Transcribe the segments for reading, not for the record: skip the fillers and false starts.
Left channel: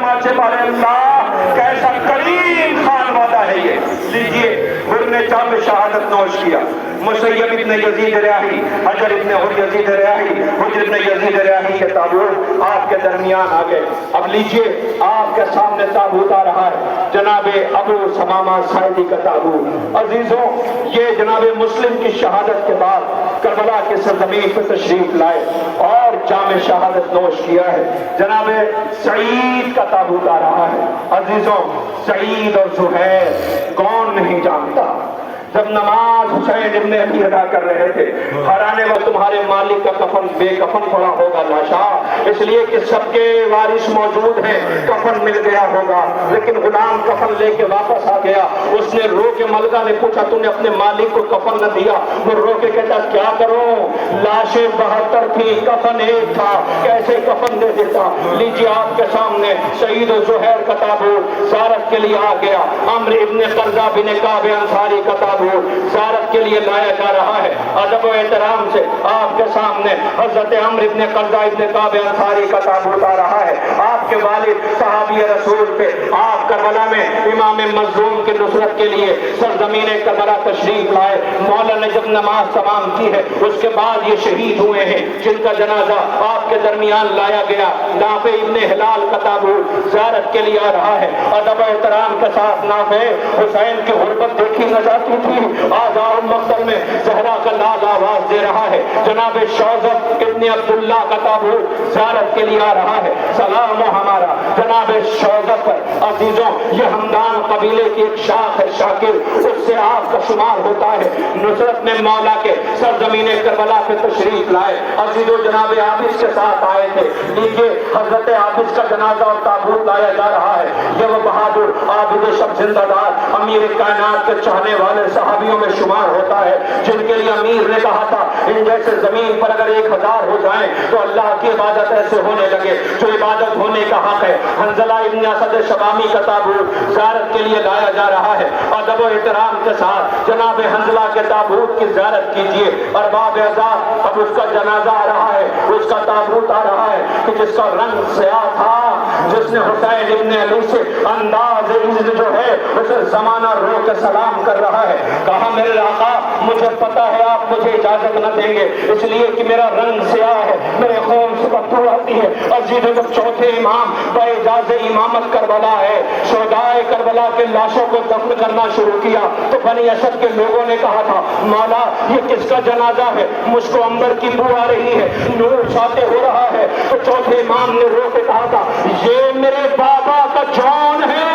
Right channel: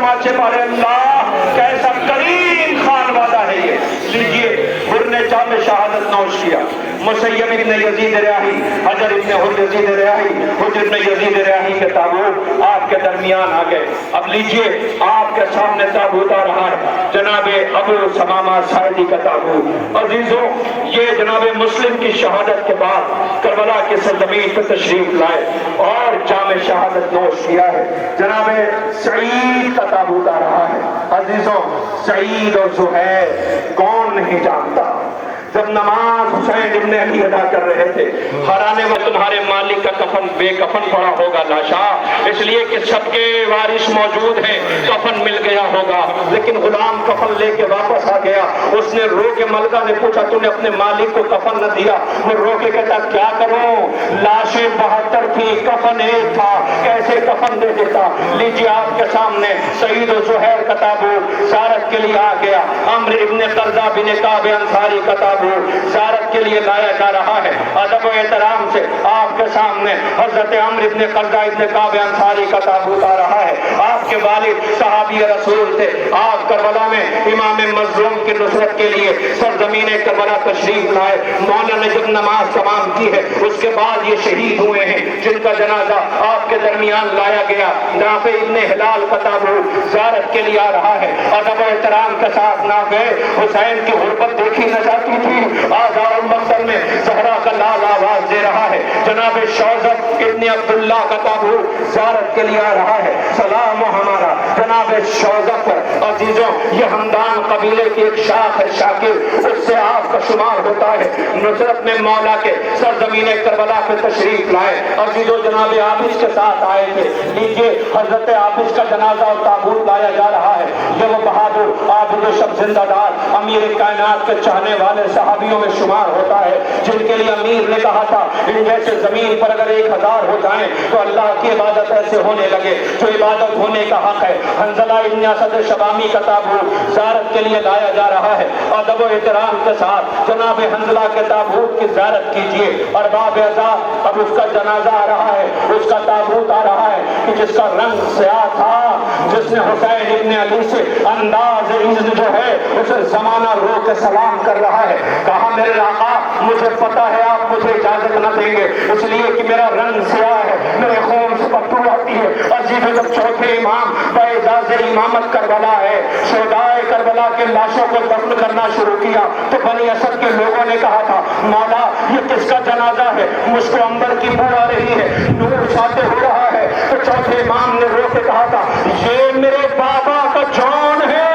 तमाचे मारे। अल्लाह कैसा करीम खान वाला है ये। लीजिए, हुर्ने जाम शहादत नोश किया। मुसैयब इब्न यजीद रियाही, हजर इब्न हुर यजीद रियाही, हुजर इब्न यजीद रियाही के ताबूत आपके दरमियान आ गए। अब लीजिए, आपके सामने ताबूत आ रहा है, जनाबे अबू समामा साइदी का ताबूत। अजीजों, ये जनाबे मुस्लिम की शहादत के बाद करबला की सरजमीन पर तशरीफ लाए और जाम शहादत नोश किया है। जनाबे सईद का ताबूत आ रहा है। अजीजों, सईद और जुबैर कौन नहीं जानता। जब नमाज हुसैन इब्न अली अदा कर रहे थे, हराने में तुम्हारे मालिक का कफन बेकफन पड़ा होगा लाशा, इसलिए कि सबके वारिस मौजूद हैं, कफन मिल गया होगा। लेकिन गुलाम कफन लेके वापस आ गया। उसने रो के मलका ने पूछा, तूने अपने मालिक को कफन न दिया? वो रो के कहता, क्या करूं, लाशें 72 थी, कफन एक था, कैसे कफन दे देता। लीजिए, आपके सामने सईद और जुहैर का ताबूत ज़ियारत के लिए आ गया। अम्र इब्न कर्जा बिन काब अंसारी का ताबूत ज़ियारत के लिए लाया जा रहा है। अदब और एहतराम से आपके सामने हजरत अम्र इब्न कर्जा इब्न काब अंसारी का ताबूत आ रहा है। आपके वालिद सहाबी रसूल थे। आप करबला में इमाम मज़लूम की नुसरत के लिए सरजमीन करबला तशरीफ लाए। मौला ने जब नमाज तमाम की है, उसके बाद ये शहीद हुए हैं, जिनका जनाजा आपके दरमियान लाया गया। नाफे इब्न हिलाल का ताबूत ज़ियारत के लिए आ रहा है। अदब एहतराम के साथ नाफे हुसैन की गुर्बत देखी न जाती थी। आज़ाद मक़तल में ज़हरा का लाल आवाज दे रहा है। जनाब शौज़ब इब्न अब्दुल्ला का ताबूत ज़ियारत के लिए आ रहा है। सलाम हो हमारा जनाब शौज़ब पर। अजीजों, ये हमदान कबीले की एक शाख है, शाकिर, उससे आपका शुमार होता है। नुसरत में मौला के सरजमीन करबला पे तशरीफ लाए। अजीजों, जनाब आबिस के साथ आए थे। लीजिए, हजरत आबिस का जनाजा और ताबूत लाया जा रहा है। ये वो बहादुर आबिद शब जिंदादार अमीर कायनात के चाहने वाले सहाबियों में शुमार होता है, जिनके लिए अमीर ने कहा था, इन जैसे जमीन पर अगर 1000 हो जाएं तो अल्लाह की इबादत ऐसे होने लगे जो इबादत होने का हक है। हंजला इब्न असद शबामी का ताबूत ज़ियारत के लिए लाया जा रहा है। अदब और एहतराम के साथ जनाब हंजला के ताबूत की ज़ियारत कीजिए। अरबाब एज़ाज़, अब उसका जनाजा आ रहा है, उसका ताबूत आ रहा है कि जिसका रंग स्याह था, जिसने हुसैन इब्न अली से अंदाज इज़्ज़ जो है उसे जमाना रो के सलाम कर रहा है। कहा, मेरे आका, मुझे पता है आप मुझे इजाजत न देंगे, इसलिए कि मेरा रंग स्याह है, मेरे खून से बदबू आती है। अजीब, जब चौथे इमाम बाइजाज़े इमामत करबला है, शोहदाए करबला के लाशों को दफन करना शुरू किया, तो बनी असद के लोगों ने कहा था, मौला ये किसका जनाजा है, मुझको अंबर की बू आ रही है, नूर साते हो रहा है। तो चौथे इमाम ने रो के कहा था, ये मेरे बाबा का जौन है।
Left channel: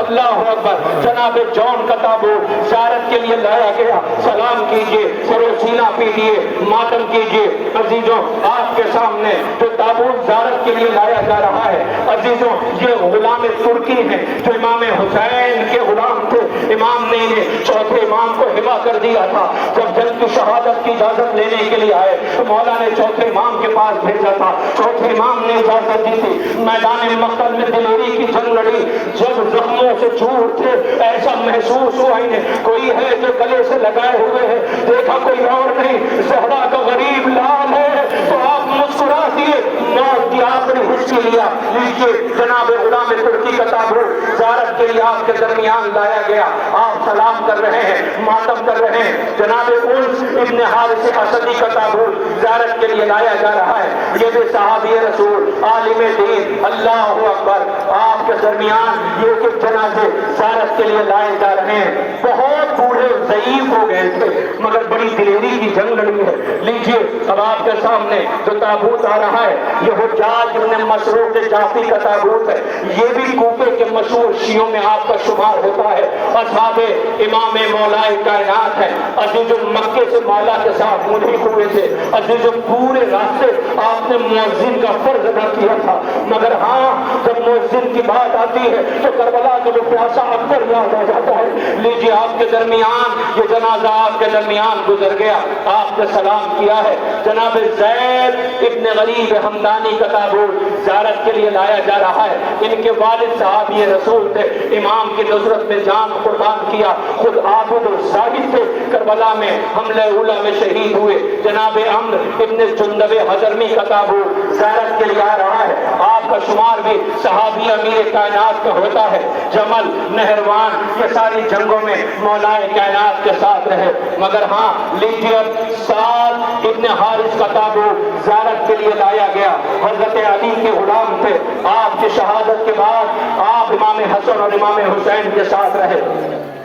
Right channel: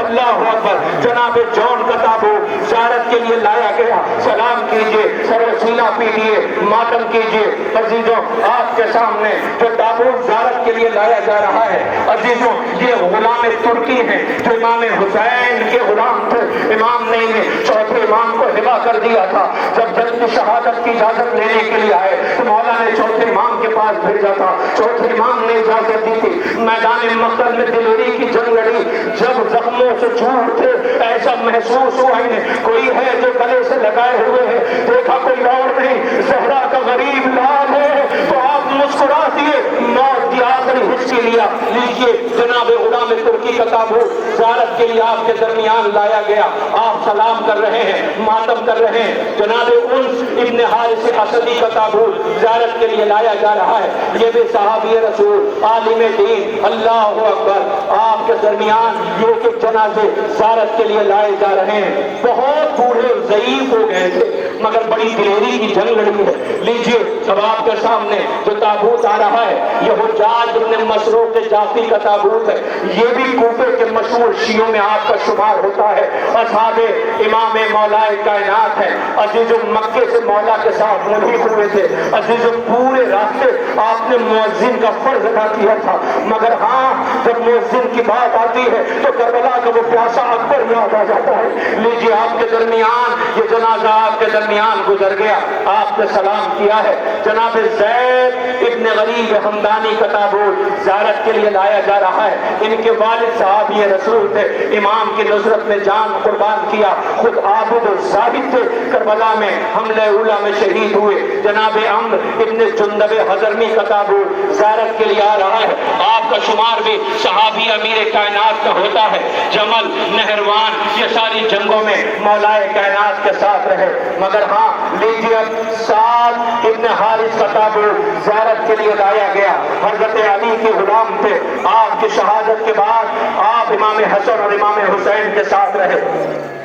अल्लाह अकबर। जनाब जौन का ताबूत ज़ियारत के लिए लाया गया। सलाम कीजिए, सरोसीना पीजिए, मातम कीजिए। अजीजों, आपके सामने जो ताबूत ज़ियारत के लिए लाया जा रहा है, अजीजों, ये गुलाम तुर्की है जो इमाम हुसैन के गुलाम थे। इमाम ने इन्हें चौथे इमाम को हिबा कर दिया था। जब जंग की शहादत की इजाजत लेने के लिए आए तो मौला ने चौथे इमाम के पास भेजा था। चौथे इमाम ने इजाजत दी थी। मैदान मक़तल में दिलेरी की जंग लड़ी। जब जख्मों से छूट थे, ऐसा महसूस हुआ इन्हें कोई है जो गले से लगाए हुए है। देखा कोई और नहीं, ज़हरा का गरीब लाल है, तो आप मुस्कुरा दिए, मौत की आखिरी हिस्से लिया। लीजिए, जनाब गुलाम तुर्की का ताबूत ज़ियारत के लिए आपके दरमियान लाया गया। आप सलाम कर रहे हैं, मातम कर रहे हैं। जनाब उन्स इब्न हारिस असदी का ताबूत ज़ियारत के लिए लाया जा रहा है। ये भी सहाबी रसूल आलिम दीन, अल्लाहु अकबर, आपके दरमियान ये कि जनाजे ज़ियारत के लिए लाए जा रहे हैं। बहुत बूढ़े ज़ईफ़ हो गए थे, मगर बड़ी दिलेरी की जंग लड़ी है। लीजिए, अब आपके सामने जो ताबूत आ रहा है, ये हुज्जाज इब्न मसरूक जाफी का ताबूत है। ये भी कूफे के मशहूर शियों में आपका शुमार होता है। असहाबे इमाम मौलाए कायनात है। अजीज़ मक्के से मौला के साथ मुल्हिक हुए थे। अजीज़ पूरे रास्ते आपने मुअज्जिन का फर्ज अदा किया था, मगर हाँ, जब मुअज्जिन की बात आती है तो करबला का वो प्यासा अकबर याद आ जाता है। लीजिए, आपके दरमियान ये जनाजा आपके दरमियान गुजर गया। आपने सलाम किया है। जनाब ज़ैद इब्न गरीब हमदानी का ताबूत ज़ियारत के लिए लाया जा रहा है। इनके वालिद सहाबी रसूल थे, इमाम की नुसरत में जान कुर्बान किया, खुद आबिद और ज़ाहिद थे। करबला में हमले उला में शहीद हुए। जनाब अम्र इब्न जुंदब हज़रमी का ताबूत ज़ियारत के लिए आ रहा है। आपका शुमार भी सहाबी अमीर कायनात का होता है। जमल, नहरवान, ये सारी जंगों में मौलाए कायनात के साथ रहे। मगर हाँ, लीजिए अब साद इब्न हारिस का ताबूत ज़ियारत के लिए लाया गया। हजरत अली के गुलाम थे। आपकी शहादत के बाद आप इमाम हसन और इमाम हुसैन के साथ रहे।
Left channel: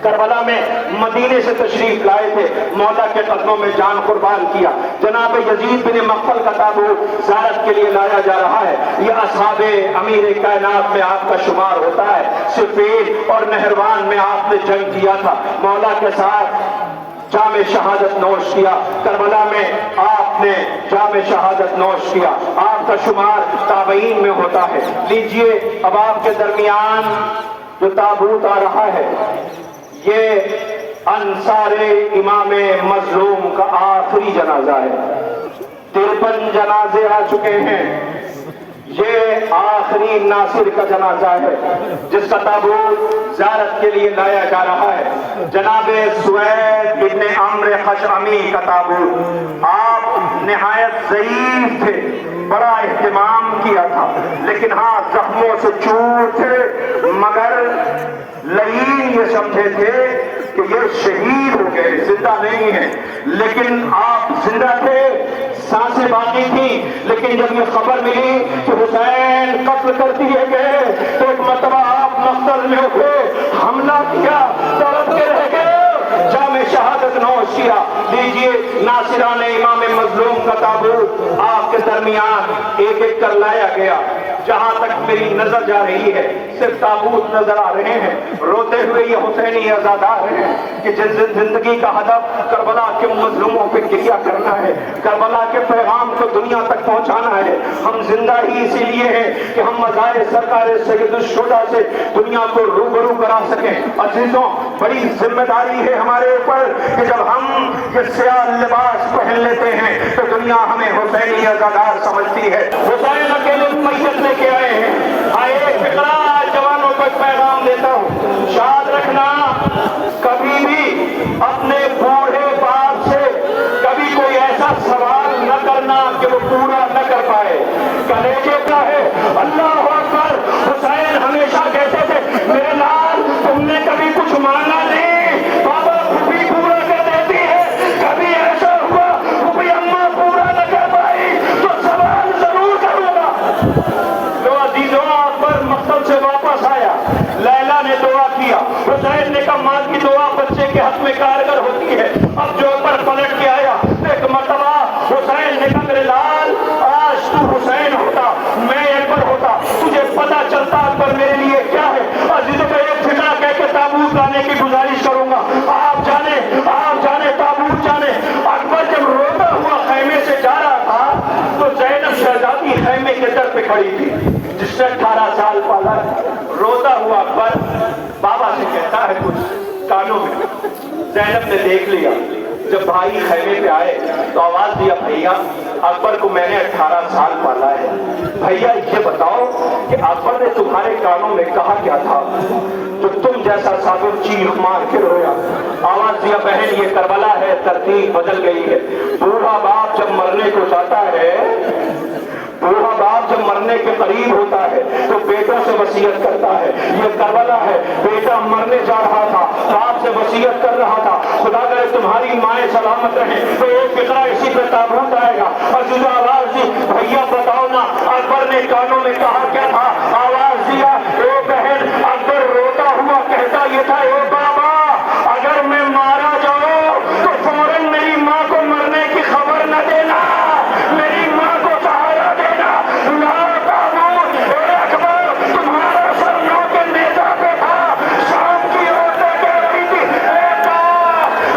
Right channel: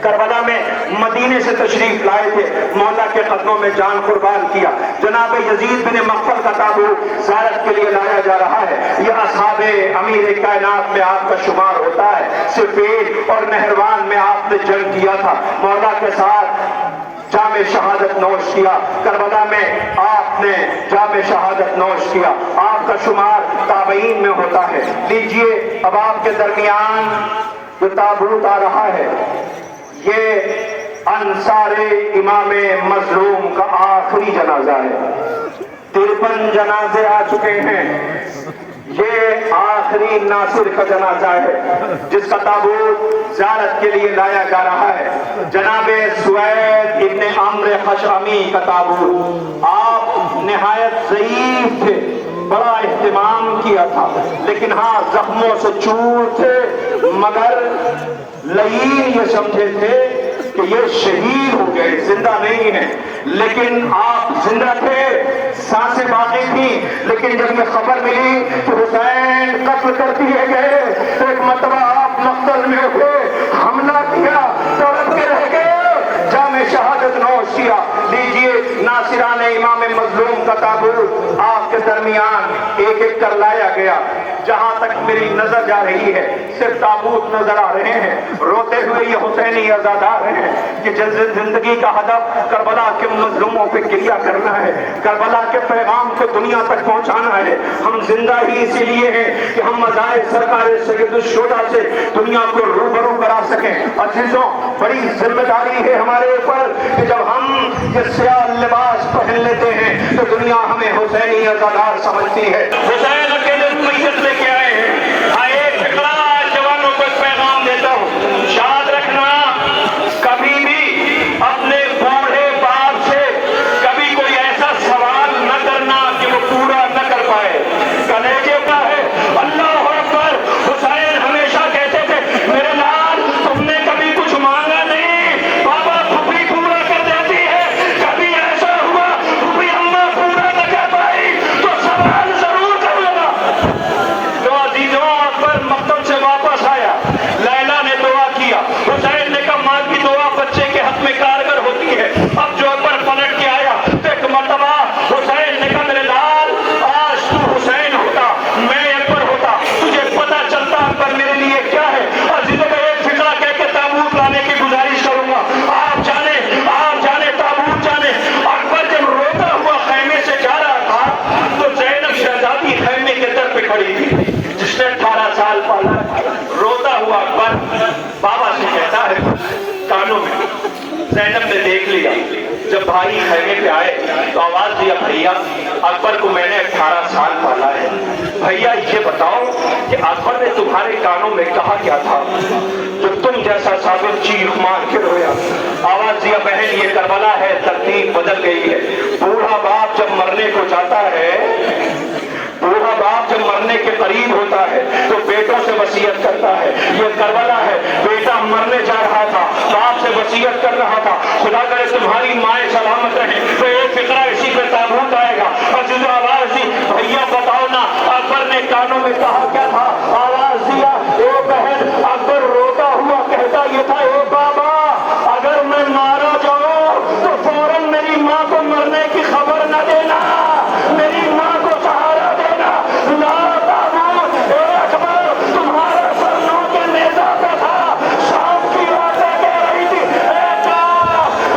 करबला में मदीने से तशरीफ लाए थे, मौला के कदमों में जान कुर्बान किया। जनाब यजीद बिन मक्फल का ताबूत ज़ियारत के लिए लाया जा रहा है। यह असहाबे अमीर कायनात में आपका शुमार होता है। सिफीन और नहरवान में आपने जंग किया था, मौला के साथ जामे शहादत नोश किया। करबला में आपने जामे शहादत नोश किया। आपका शुमार ताबईन में होता है। लीजिए अब आपके दरमियान जो ताबूत आ रहा है, ये अंसारे इमाम मजलूम का आखिरी जनाजा है। 53 जनाजे आ चुके हैं, ये आखिरी नासिर का जनाजा है जिसका ताबूत ज़ियारत के लिए लाया जा रहा है। जनाबे सुवैद इब्न अम्र खशअमी का ताबूत। आप निहायत ज़ईफ थे, बड़ा एहतिमाम किया था, लेकिन हाँ जख्मों से चूर थे, मगर लईन ये समझे थे कि ये शहीद हो गए, जिंदा नहीं है। लेकिन आप जिंदा थे, सांसें बांधी थी, लेकिन जब ये खबर मिली कि हुसैन कत्ल कर दिए गए तो एक मरतबा आप मक्तल में उठे, हमला किया, तड़प के रह गए, जामे शहादत नोश किया। लीजिए नासिरान इमाम मजलूम का ताबूत आपके दरमियान एक एक कर लाया गया। जहां तक मेरी नजर जा रही है सिर्फ ताबूत नजर आ रहे हैं। रोते हुए ये हुसैनी आजाद आ रहे हैं कि जिंदगी का हदफ करबला के मजलूमों पे क्या करना है, करबला के पैगाम को दुनिया तक पहुंचाना है। हम जिंदा ही इसीलिए हैं कि हम मज़ाए सरकार सैयदुश्शुहदा से दुनिया को रूबरू करा सकें। अजीजों, बड़ी जिम्मेदारी है हमारे ऊपर कि जब हम ये स्याह लिबास पहन लेते हैं तो दुनिया हमें हुसैनी आजादार समझती है। हुसैन अकेले मैयत लेके आए हैं। आए फिक्रा जवानों को पैगाम देता हूँ, याद रखना कभी भी अपने बूढ़े बाप से कभी कोई ऐसा सवाल न करना कि वो पूरा न कर पाए। कलेजे का है। अल्लाह अकबर। हुसैन हमेशा कहते थे, मेरे लाल तुमने कभी कुछ मांगा नहीं, बाबा फूफी पूरा कर देती है। कभी ऐसा हुआ फूफी अम्मा पूरा न कर पाई तो सवाल जरूर करूंगा। तो अजीजों, अकबर मक्तल से वापस आया, लैला ने दुआ किया। हुसैन ने कहा माँ की दुआ बच्चे के हक में कारगर होती है। अब जो पर पलट के आया तो एक मर्तबा हुसैन ने कहा, मेरे लाल आज तू हुसैन होता, मैं अकबर होता, तुझे पता चलता अकबर मेरे लिए क्या है। अजीजों को एक फिक्रा कह के ताबूत लाने की गुजारिश करूंगा। आप जाने ताबूत जाने। अकबर जब रोता हुआ खैमे से जा रहा था तो ज़ैनब शहजादी खैमे के दर पे खड़ी थी, जिसने 18 साल पाला। रोता हुआ अकबर बाबा से कहता है कानों में। ज़ैनब ने देख लिया, जब भाई खैमे पे आए तो आवाज दिया, भैया अकबर को मैंने 18 साल पाला है। भैया ये बताओ कि अकबर ने तुम्हारे कानों में कहा क्या था तो तुम जैसा साबित चीख मार के रोया। आवाज दिया, बहन ये करबला है, तरतीब बदल गई है। बूढ़ा बाप जब मरने को जाता है, बूढ़ा बाप जब मरने के करीब होता है तो बेटों से वसीयत करता है। ये करबला है, बेटा मरने जा रहा था, बाप से वसीयत कर रहा था, खुदा करे तुम्हारी माएँ सलामत रहे। तो एक फिक्रा इसी पे ताबूत आएगा। और जिस आवाज दी, भैया बताओ ना अकबर ने कानों में कहा क्या था। आवाज दिया, ओ बहन। अकबर रोता हुआ कहता ये था, ओ बाबा अगर मैं मारा जाऊं तो फौरन मेरी माँ को मरने की खबर न देना, मेरी माँ को सहारा देना। अकबर तुम्हारा सर नौ के नेजा पे था, शाम की औरतें कह रही थी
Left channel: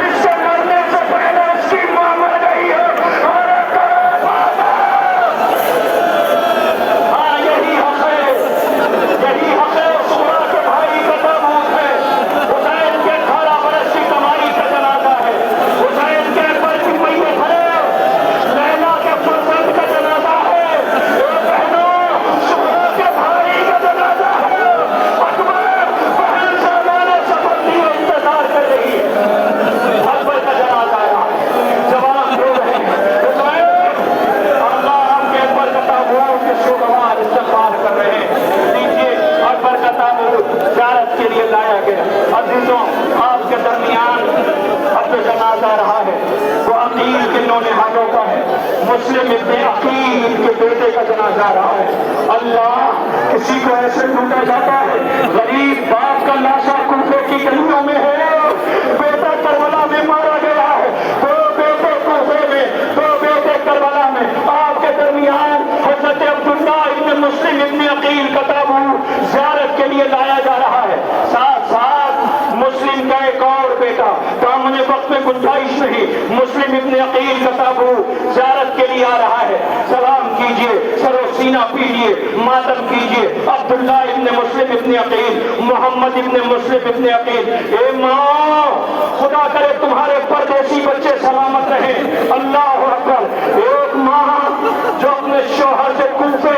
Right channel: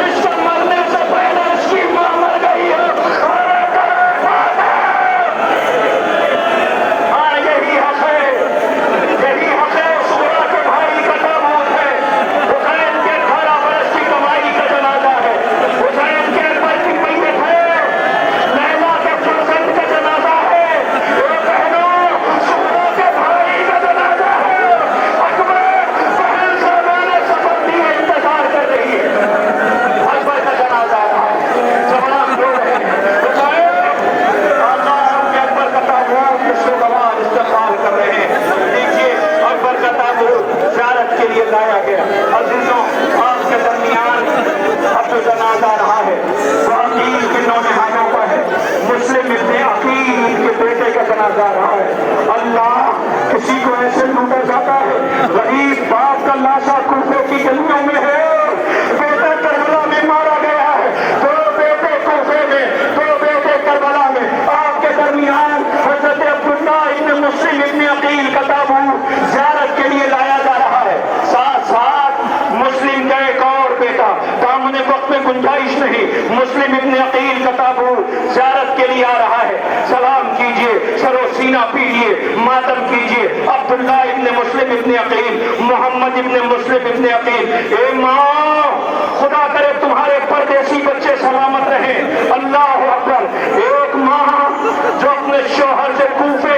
इसके मरने से पहले इसकी माँ मर गई है। हाँ यही हक है, यही हक है। सूरा के भाई का ताबूत है, हुसैन के 18 बरस की कमाई का जनाजा है, हुसैन के अकबर की मैयत है। लैला جنازہ آ رہا ہے۔ اللہ کسی کو ایسے لوٹا جاتا ہے، غریب باپ کا لاشا کوفے کی گلیوں میں ہے، بیٹا کربلا میں مارا گیا ہے، دو بیٹے کوفے میں، دو بیٹے کربلا میں، آپ کے درمیان حضرت عبداللہ ابن مسلم ابن عقیل کا تابوت زیارت کے لیے لایا جا رہا ہے۔ ساتھ ساتھ مسلم کا ایک اور بیٹا، دامن وقت میں گنجائش نہیں، مسلم ابن عقیل کا تابوت زیارت کے لیے آ رہا ہے۔ سلام کیجئے، سر و سینہ پیجئے، ماتم کیجئے، عبداللہ ابن مسلم ابن عقیل، محمد ابن مسلم ابن عقیل۔ اے ماں، خدا کرے تمہارے پردیسی بچے سلامت رہیں۔ اللہ اکبر۔ ایک ماں جو اپنے شوہر سے کوفے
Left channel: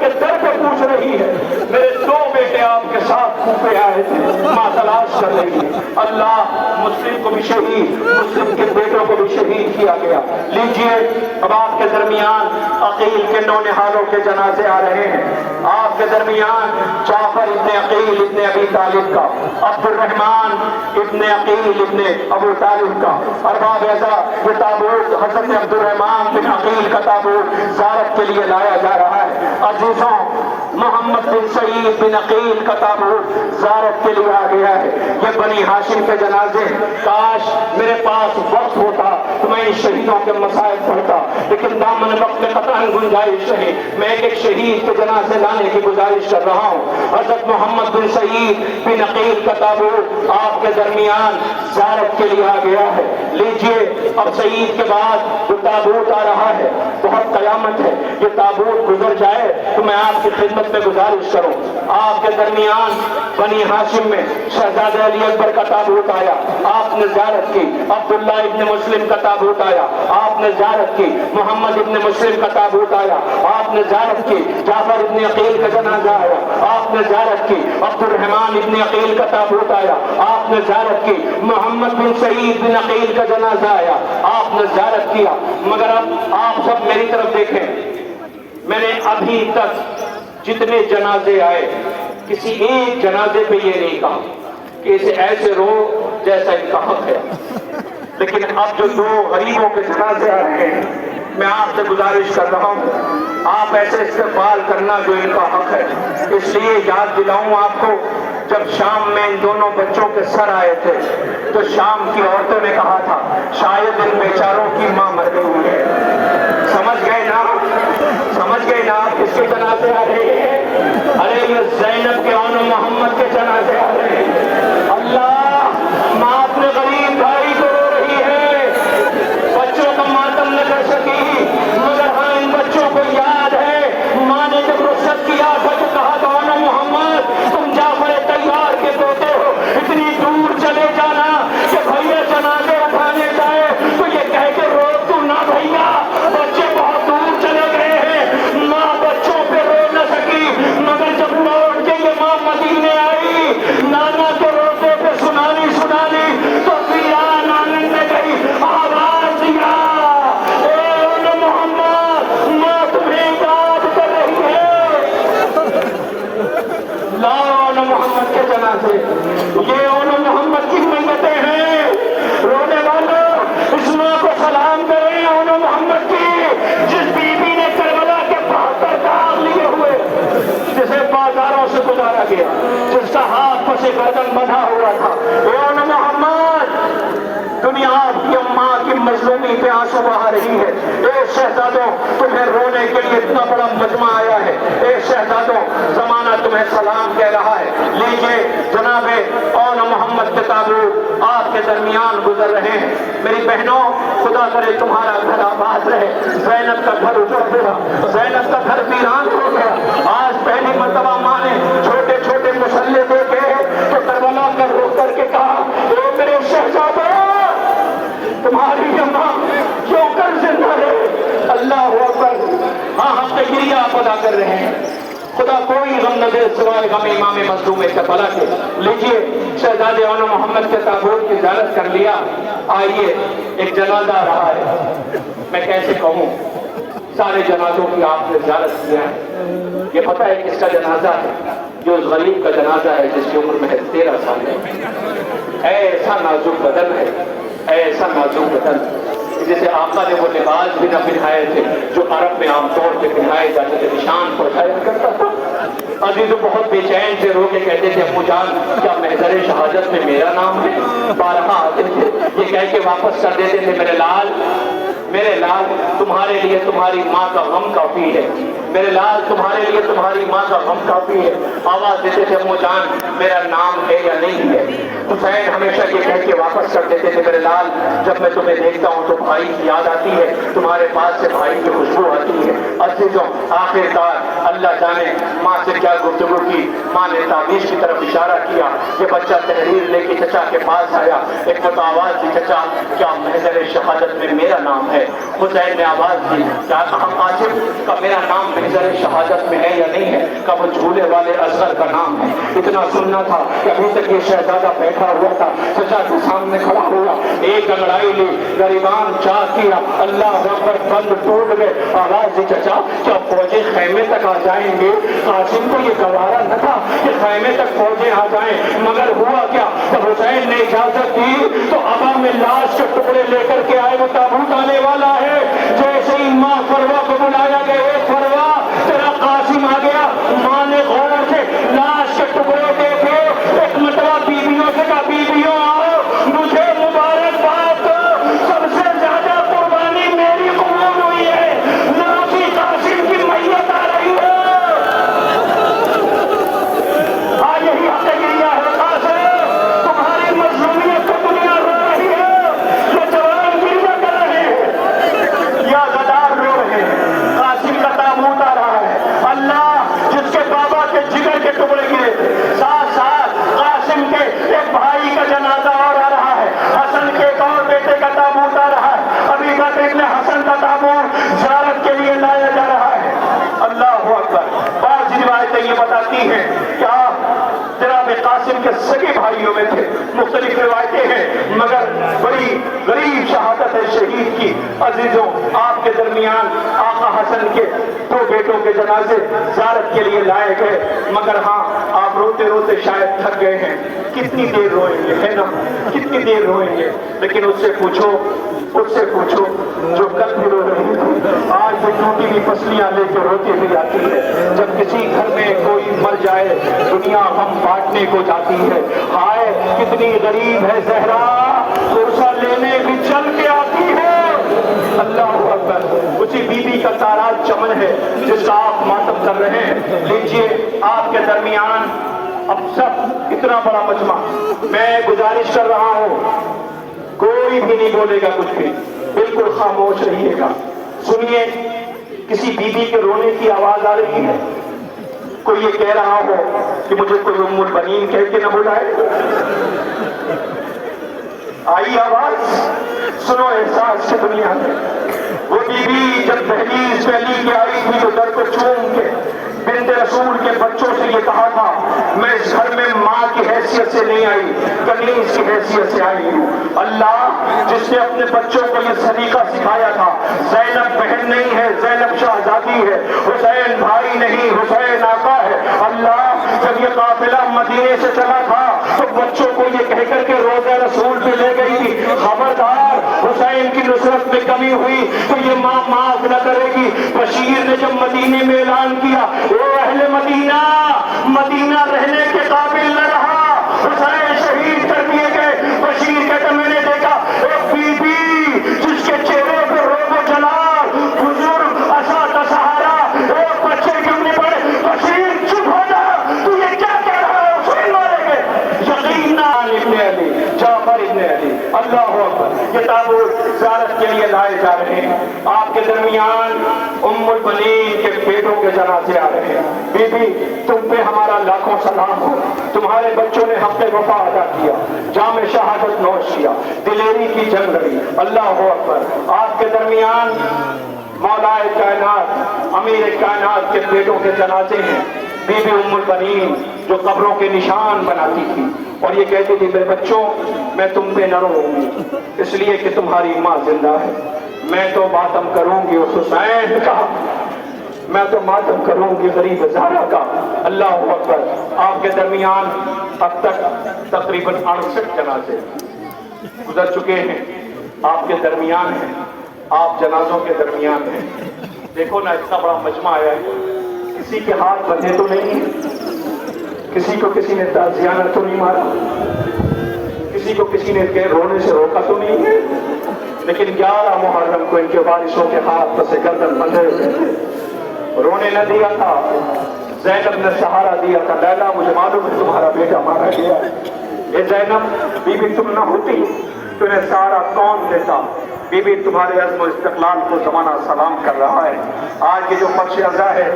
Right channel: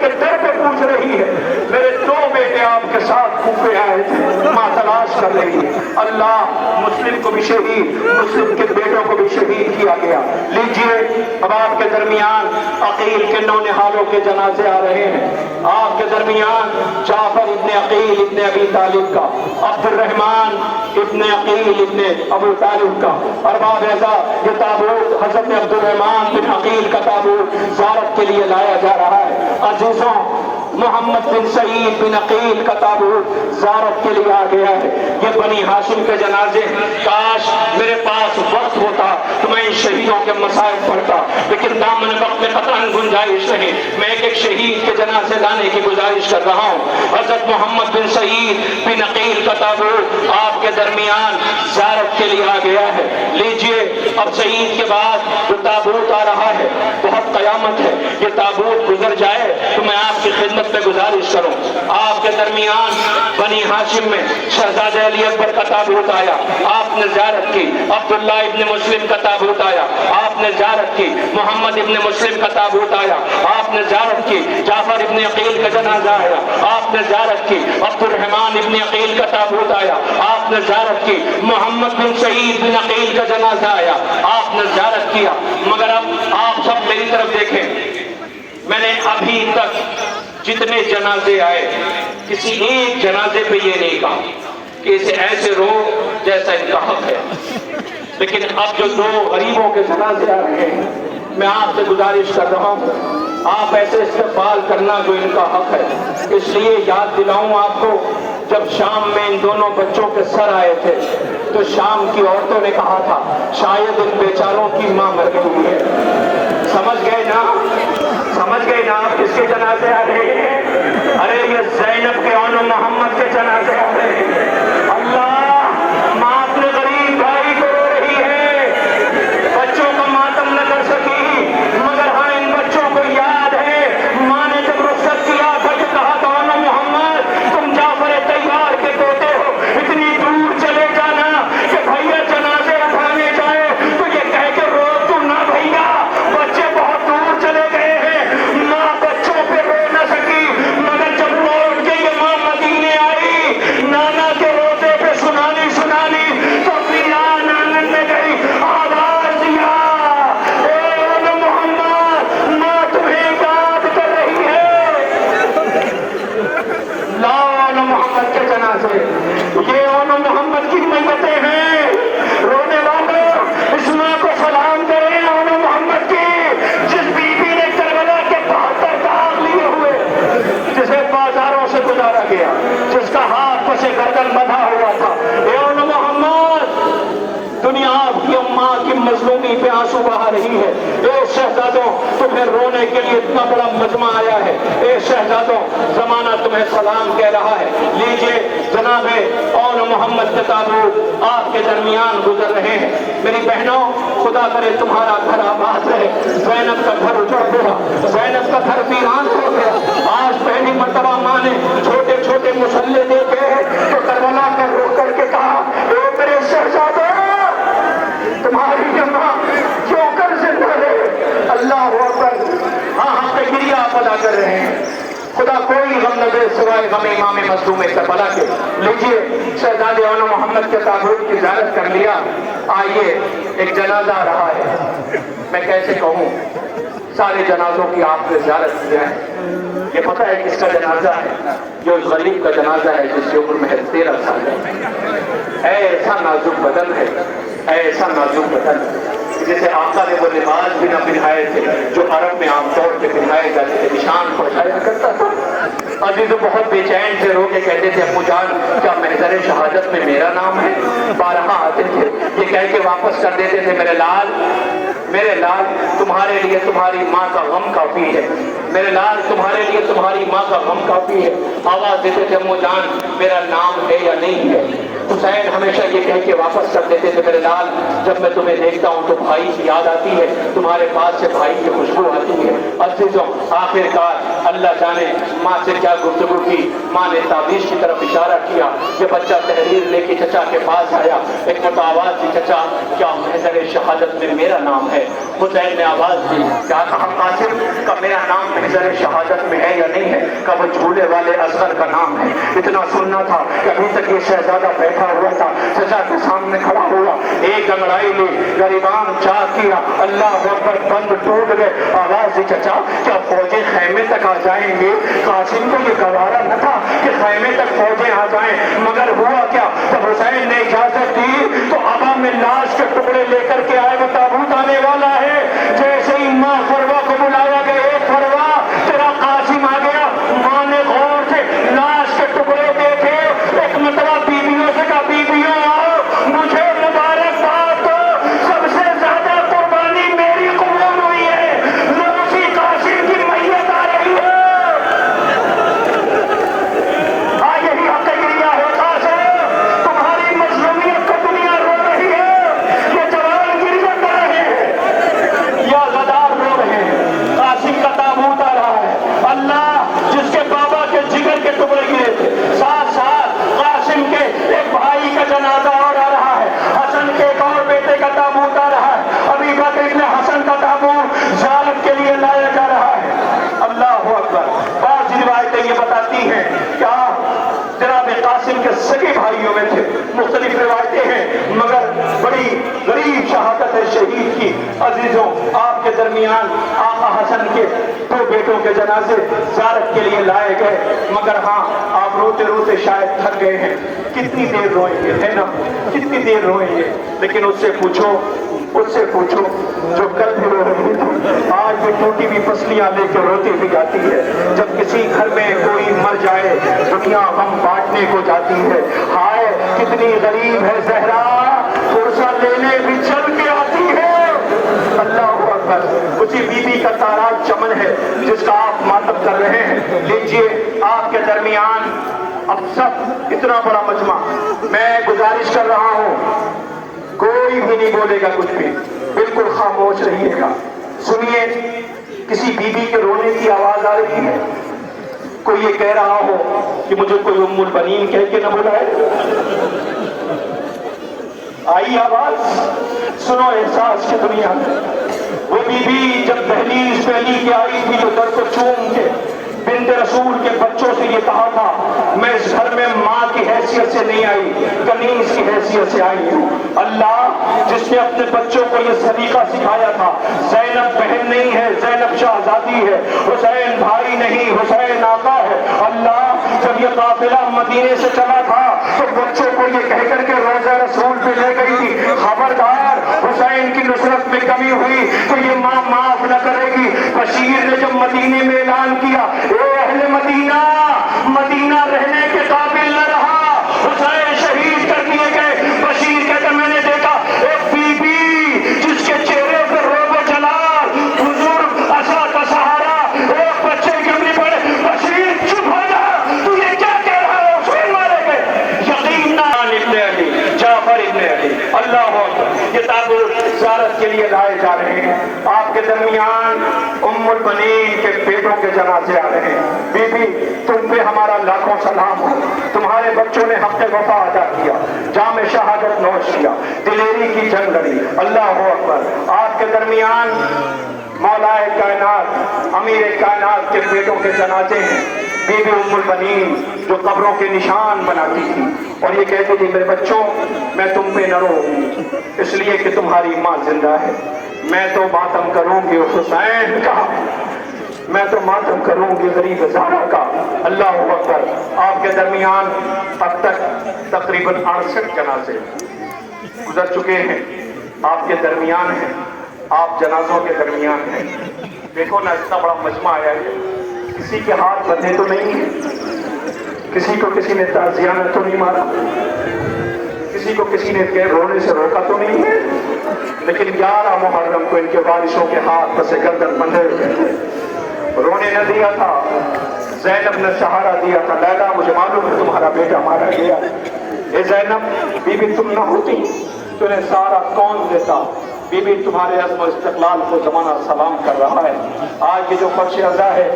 کے در پہ پوچھ رہی ہے، میرے دو بیٹے آپ کے ساتھ کوفے آئے تھے، ماں تلاش کر رہی ہے۔ اللہ مسلم کو بھی شہید، مسلم کے بیٹوں کو بھی شہید کیا گیا۔ لیجئے اب آپ کے درمیان عقیل کے نونہالوں کے جنازے آ رہے ہیں۔ آپ کے درمیان جعفر ابن عقیل ابن ابی طالب کا، عبد الرحمن ابن عقیل ابن ابو طالب کا، ارباب اعزاز یہ تابوت حضرت عبد الرحمن بن عقیل کا تابوت زیارت کے لیے لایا جا رہا ہے۔ عزیزوں، محمد بن سعید بن عقیل کا تابوت زیارت کے لیے آ گیا ہے۔ یہ بنی ہاشم کے جنازے، کاش میرے پاس وقت ہوتا تو میں ان شہیدوں کے مصائب پڑھتا، لیکن دامن وقت میں قطعاً گنجائش نہیں۔ میں ایک شہید کے جنازے لانے کی گزارش کر رہا ہوں۔ حضرت محمد بن سعید بن عقیل کا تابوت آپ کے درمیان زیارت کے لیے آ گیا ہے۔ لیجئے اب سعید کے بعد جو تابوت آ رہا ہے، بہت قیامت ہے، یہ تابوت گزر جائے تو میں آپ کی خدمت میں گزارش کروں۔ آپ کے درمیان بنی ہاشم میں شہزادہ علی اکبر کا تابوت آیا، آپ نے زیارت کی۔ عبداللہ ابن مسلم کا تابوت آیا، آپ نے زیارت کی۔ محمد ابن مسلم کا تابوت آیا، آپ نے زیارت کی۔ جعفر ابن عقیل کا جنازہ آیا، آپ نے زیارت کی۔ عبد الرحمن ابن عقیل کا تابوت آیا، آپ نے زیارت کی۔ محمد بن سعید بن عقیل کا جنازہ آیا، آپ نے زیارت کیا۔ مگر اب آپ سب میری طرف دیکھیں، میں نے ابھی تک جتنے جنازے آئے کسی ایک جنازے پہ یہ نہیں کہا کہ اسے ایسے رو جیسا ان کا حق ہے، لیکن اب جو دو غریبوں کے جنازے آ رہے ہیں، میں آپ سے گزارش کر رہا ہوں آپ ایسے استقبال کرنا جو ان کا حق ہے۔ اس لیے یاد دلاؤں آپ کو، جب شام میں ان دونوں بچوں کے سر آئے تھے تو شام کی عورتوں نے کہا تھا شاید ان بیچاروں کی ماں مر گئی ہے۔ سمجھ گئے نا؟ سمجھ گئے نا آپ کس کے جنازے آ رہے ہیں؟ ارے یہ زینب کے اور محمد کے جنازے آ رہے ہیں۔ اللہ، ماں اپنے غریب بھائی کو رو رہی ہے، بچوں کا ماتم نہ کر سکی، مگر ہاں ان بچوں کو یاد ہے ماں نے جب رخصت کیا تھا تو کہا تھا محمد تم جعفر طیار کے پوتے ہو، اتنی دور چلے جانا کہ بھیا جنازے اٹھانے جائے تو یہ کہہ کے رو تو نہ بھیا، بچے بہت دور چلے گئے ہیں۔ ماں بچوں پہ رو نہ سکی، مگر جب لوٹ کے یہ ماں مدینے آئی، نانا کے روزے پہ سنانی تو فیان آنگن میں گئی، آواز دیا اے محمد ماں تمہیں یاد کر رہی ہے۔ لاؤ محمد کے جنازے، یہ اون محمد کی میتیں ہیں، رونے والوں اس ماں کو سلام کریں اون محمد کی، جس بی بی نے کربلا کے 72 داغ لیے ہوئے، جسے بازاروں سے گزارا گیا، جس کا ہاتھ پسے گردن بندھا ہوا تھا۔ اے اون محمد، دنیا آپ کی اماں کی مظلومی پہ آنسو بہا رہی ہے۔ اے شہزادوں، تمہیں رونے کے لیے اتنا بڑا مجمع آیا ہے۔ اے شہزادوں، زمانہ تمہیں سلام کہہ رہا ہے۔ لیجئے جناب اون محمد کے تابوت آپ کے درمیان گزر رہے ہیں۔ میری بہنوں، خدا کرے تمہارا گھر آباد رہے۔ زینب کا گھر اجڑ گیا، زینب کا گھر ویران ہو گیا۔ آج پہلی مرتبہ ماں نے چھوٹے چھوٹے مسلے دیکھے تو کربلا کا رخ کر کے کہا اے میرے شہزادوں، تمہاری اماں کیوں کر زندہ رہے؟ اللہ اکبر۔ ہاں ہم تکبیر آپ ادا کر رہے ہیں، خدا کوئی غم نہ دے سوائے غم امام مظلوم کربلا کے۔ لیجئے شہزادے اون محمد کے تابوت کی زیارت کر لیا، آئیے ایک جنازہ آ رہا ہے۔ میں کیسے کہوں، سارے جنازوں کی آپ نے زیارت کیا ہے، یہ پتہ ہے کس کا جنازہ ہے؟ جو غریب کا جنازہ ہے جس کی عمر محض 13 سال ہے۔ ایسا نازک بدن ہے، ایسا نازک بدن جسے آقا نے وہ لباس بھی نہ پہنائے تھے جو عرب میں عام طور پہ پہنایا جائے جاتے تھے، نشان پہنچایا کرتا تھا۔ عزیزو بہت بے چین سے رو کے کہتے تھے ابو جان کیا محضر شہادت میں میرا نام ہے؟ بارہا آتے تھے، یہ کہہ کے واپس کر دیتے تھے میرے لال تمہارے لیے تمہاری ماں کا غم کافی ہے، میرے لال تمہارے لیے تمہاری ماں کا غم کافی ہے۔ آواز دیتے تھے امو جان میرا نام ہے یا نہیں ہے؟ حسین ہمیشہ یہ کہہ کے واپس کر دیتے تھے میرے لال جب میں تمہیں دیکھتا ہوں تو بھائی کی یاد آتی ہے، تمہارے پاس سے بھائی کی خوشبو آتی ہے۔ عزیزوں آخرکار اللہ جانے ماں سے کیا گفتگو کی، ماں نے تعویذ کی طرف اشارہ کیا، یہ بچہ تحریر لے کے چچا کے پاس آیا، ایک مرتبہ آواز دی چچا کیا محضر شہادت میں میرا نام ہے؟ حسین نے آواز دی کیا کہا قاسم کا میرا نام محضر شہادت میں ہے یا نہیں ہے؟ کہ وہ جھولے والے اصغر کا نام ہے۔ اتنا سننا تھا کہ ابھی تک یہ شہزادہ بیٹھا ہوا تھا، چچا کے سامنے کھڑا ہوا، ایک انگڑائی لی، غریبان چاہ کیا، اللہ اکبر بند ٹوٹ گئے۔ آواز دی چچا کیا فوجیں خیمے تک آ جائیں گے؟ قاسم کو یہ گوارا نہ تھا کہ خیمے تک فوجیں آ جائیں، مگر ہوا کیا جب حسین نے اجازت دی تو ابا میں لاش کے ٹکڑے لے کر کے آئے، وہ تابوت آنے والا ہے۔ جیسے ہی ماں فروا کو بلایا گیا، اے فروا تیرا قاسم آ گیا۔ ماں نے غور سے لاش کے ٹکڑے دیکھے، ایک مرتبہ بیویوں سے کہا بیویوں آؤ مجھے مبارکباد دو، سب سے زیادہ قربانی میری قبول ہوئی ہے، نوسی قاسم کی میت آ رہی ہے۔ یہی حقیقیہ ہوتا ہے، تمہاری مظلومیت کو دنیا رو رہی ہے، یہ جوان غربت آ رہے ہیں یا غدار رو رہے ہیں، قاسم کا تابوت آ رہا ہے۔ اللہ جس کے بابا کے جگر کے ٹکڑے گرے تھے، ساتھ ساتھ قاسم کے ایک بھائی کا جنازہ اور آ رہا ہے، حسن کے ایک اور بیٹے کا تابوت آ رہا ہے، ابھی بکر ابن حسن کا تابوت زیارت کے لیے لایا جا رہا ہے۔ اللہ اکبر۔ بعض روایتیں یہ بتاتی ہیں کہ آپ جناب قاسم کے سگے بھائیوں میں تھے، مختلف روایتیں ہیں مگر بڑی غریب شہادت ہے شہید کی۔ عزیزوں آپ کے درمیان آقا حسن کے دو بیٹوں کے جنازے زیارت کے لیے لائے گئے، مگر ہاں آپ روتے روتے شاید تھک گئے ہیں، کتنی دیر روئیں گے، ہے نا کتنی دیر روئیں گے، لیکن اس سے پوچھو جو کل بھی رو رہی تھی آج بھی ٹوٹی ہوئی پسلیاں لے کے روتی ہوئی آتی ہے۔ جب کسی گھر میں کوئی مر جائے دنیا غم بانٹنے کو جاتی ہے، ہائے کتنی غریب ہے زہرا، پرسہ لینے بھی چل کے آتی ہے۔ اللہ اکبر۔ اسی بی بی کا تاراج چمن ہے جس کا آپ ماتم کر رہے ہیں۔ لیجئے آپ کے درمیان اب سب اتنا بڑا مجمع، میں گزارش کر رہا ہوں کوئی بھی نہیں بولے گا کچھ بھی، بالکل خاموش رہیے گا۔ سنیے کسی بیوی کے رونے کی آواز آ رہی ہے، کوئی یہ کہہ رہا ہو کہ مجھے کوئی ام البنین کہہ کے نہ بلائے؟ آئی آواز؟ سنو احساس کی دنیا میں وہ بیوی جب دہلیز پہ علی کی آئی تھی تو در کو چوم کے بنت رسول کے بچوں سے یہ کہا تھا میں اس گھر میں ماں کی حیثیت سے نہیں آئی، کنیز کی حیثیت سے آئی ہوں۔ اللہ جس نے اپنے بچوں کو یہ سلیقہ سکھایا تھا، زینب بہن نہیں ہے، زینب شہزادی ہے، حسین بھائی نہیں، حسین آقا ہے۔ اللہ جب یہ قافلہ مدینے سے چلا تھا تو بچوں کو یہ کہہ کر کے روضہ رسول پہ لے گئی تھی خبردار حسین کی نصرت میں کمی ہوئی تو یہ ماں معاف نہ کرے گی۔ بشیر نے جب مدینے میں اعلان کیا اے اہل مدینہ، مدینہ رہنے کے قابل نہ رہا، حسین شہید کر دیے گئے۔ بشیر کہتا میں نے دیکھا ایک بی بی جس کے چہرے پر روب و جلال، بزرگ عصا کا سہارا، ایک بچے کے نہیں پڑے۔ بشیر چپ ہو جا، تو یہ کیا کہہ رہا ہے؟ حسین مارے گئے، یقین نہ ابن علی، جعفر ابن علی۔ اللہ اکبر۔ یہ تابوت زیارت کے لیے لائے جا رہے ہیں، آپ کے درمیان ام البنین کے بیٹوں کے جنازے آ رہے ہیں۔ بی بی تم پہ ہمارا لاکھوں سلام ہو، تمہارے بچوں نے حق وفا ادا کیا، جام شہادت نوش کیا، دلیری کی جنگ لڑی۔ اللہ اکبر۔ آپ کے درمیان مولا کائنات امیر کائنات کے بیٹوں کے جنازے ہیں۔ بی بی ام البنین جو قبروں کے نشان بناتی تھی اور یہ کہتی تھی میرے بچوں میں تم پہ نہ روں گی اس لیے کہ تمہاری ماں زندہ ہے، میں تو ماتم کروں گی حسین کا، میں تو ماتم کروں گی غریب زہرا کا۔ اللہ اکبر۔ آپ کے درمیان اب تک تقریباً 68 جنازے گزر چکے ہیں، آپ کے درمیان ہیں، آپ جنازوں کے درمیان ہیں۔ देखो ना इतना बड़ा मजमा आया है, किसी के हाथ बंधे तो नहीं है, किसी को किसी ने ताजिया में तो नहीं मारा, किसी को किसी ने रोने से रोका तो नहीं है, लेकिन 11 मुहर्रम को इनके वारिसों के हाथ पर से गर्दन बंधे हुए थे, रोने न दिया था। ज़ैनब ने सहारा दिया था, लैला मुझे मालूम है तुम्हारा बेटा मारा गया, ए ज़ैनब बीबी तुम न होती तुम्हें सारा कौन देता, बीबी तुम्हारे अज़्म और इस्तिक़लाल को ज़माना सलाम कर रहा है। आज ये जो फर्श अज़ा है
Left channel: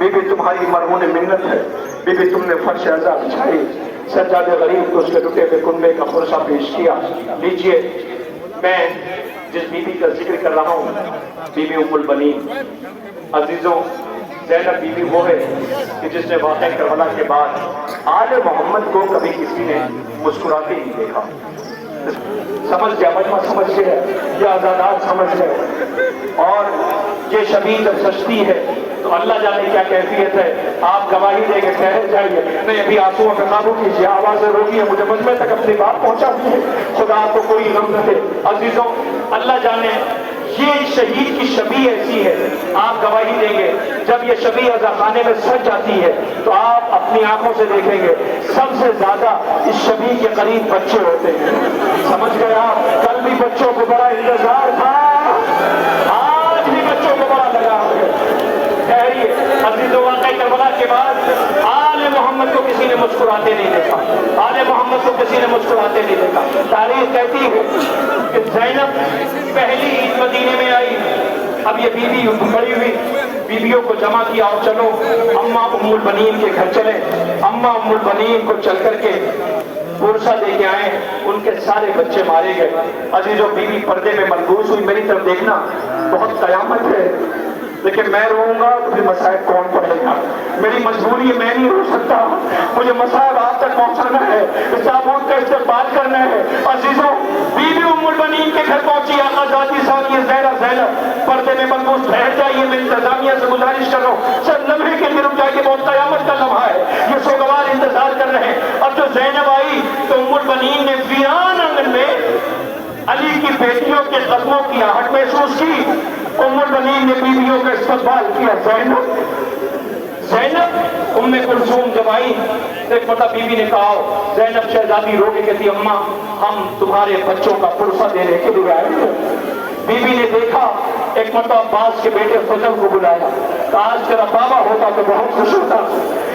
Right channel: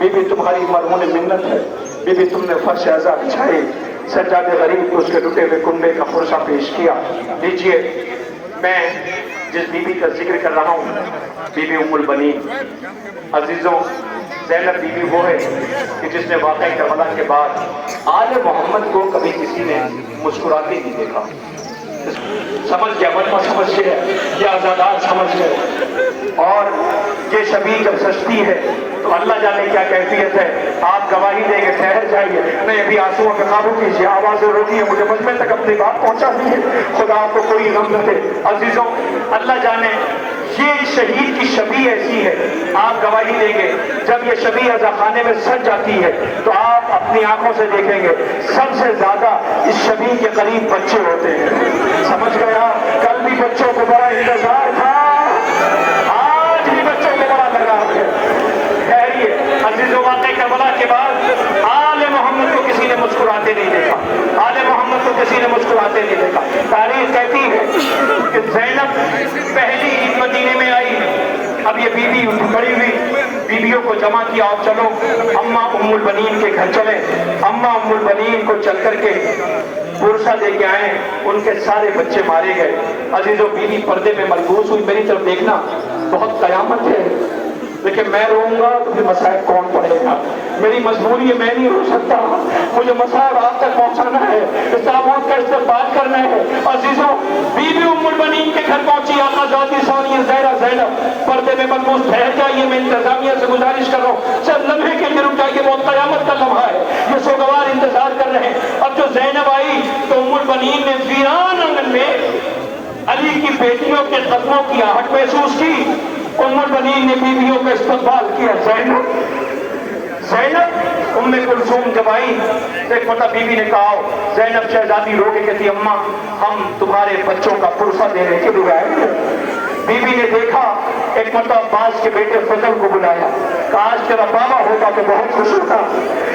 बीबी तुम्हारी मरहून मिन्नत है, बीबी तुमने फर्श अज़ा बिछाई, सज्जादे गरीब को उसके टूटे हुए कुंबे का पुरसा पेश किया। लीजिए, मैं जिस बीबी का जिक्र कर रहा हूँ बीबी उम्मुल बनीन। अजीजों, ज़ैनब बीबी वो है कि जिसने वाक़ई करबला के बाद आले मोहम्मद को कभी किसी ने मुस्कुराते नहीं देखा। समझ गया, मजमा समझ गया, ये आज़ादात समझ गए। और ये शबी जब सस्ती है तो अल्लाह जाने क्या कैफियत है। आप गवाही देंगे, ठहर जाइए, नहीं अभी आंसुओं पे काबू कीजिए, आवाज़ें रोकिए, मुझे मजमे तक अपनी बात पहुंचा दीजिए, खुदा आपको कोई गम न दे। अजीजों, अल्लाह जाने ये शहीद की शबी ऐसी है, आप गवाही देंगे जब ये शबी अज़ा खाने में सज जाती है तो आप अपनी आंखों से देखेंगे सबसे ज्यादा इस शबी के करीब बच्चे होते हैं। समझ गया, कल भी बच्चों को बड़ा इंतजार था, आज भी बच्चों को बड़ा लगाव है। ठहरिए अज़ीज़ों, वाक़ई करबला के बाद आले मोहम्मद को किसी ने मुस्कुराते नहीं देखा, आले मोहम्मद को किसी ने मुस्कुराते नहीं देखा। तारीख कहती है कि ज़ैनब पहली ईद मदीने में आई, अब ये बीवी खड़ी हुई, बीवियों को जमा किया और चलो अम्मा उम्मुल बनीन के घर चले। अम्मा उम्मुल बनीन को चल करके पुरसा दे के आए, उनके सारे बच्चे मारे गए। अजीजों, बीवी पर्दे में मलबूस हुई, मेरी तरफ देखना, बहुत कयामत है, लेकिन मैं रोऊंगा तो फिर मसाइब कौन पढ़ेगा, मेरी मजबूरी है, मैं नहीं रो सकता, मुझे मसाइब आप तक पहुंचाना है, इस ताबूत का इस्तेमाल करना है। अजीजों, बीवी उम्मुल बनीन के घर पहुंची, आका ज़ाती सानिया ज़हरा ज़ैनब पर्दे में मलबूस। ठहर जाइए, मैं इंतजामिया से गुजारिश कर रहा हूँ, चल लम्हे के लिए रुक जाइए, बहुत कयामत का लम्हा है, ये सोगवार इंतजार कर रहे हैं। अब जो ज़ैनब आई तो उम्मुल बनीन ने वीरान आंगन में अली की बेटियों के कदमों की आहट महसूस की। उम्मुल बनीन ने बीवियों का इस्तकबाल किया। ज़ैनब उम्मे कुलसूम जब आई, एक पता बीवी ने कहा, ज़ैनब शहजादी रो के कहती, अम्मा हम तुम्हारे बच्चों का पुरसा देने के लिए आए हैं। बीवी ने देखा, एक मतलब अब्बास के बेटे फजल को बुलाया, काश तेरा बाबा होता तो बहुत खुश होता।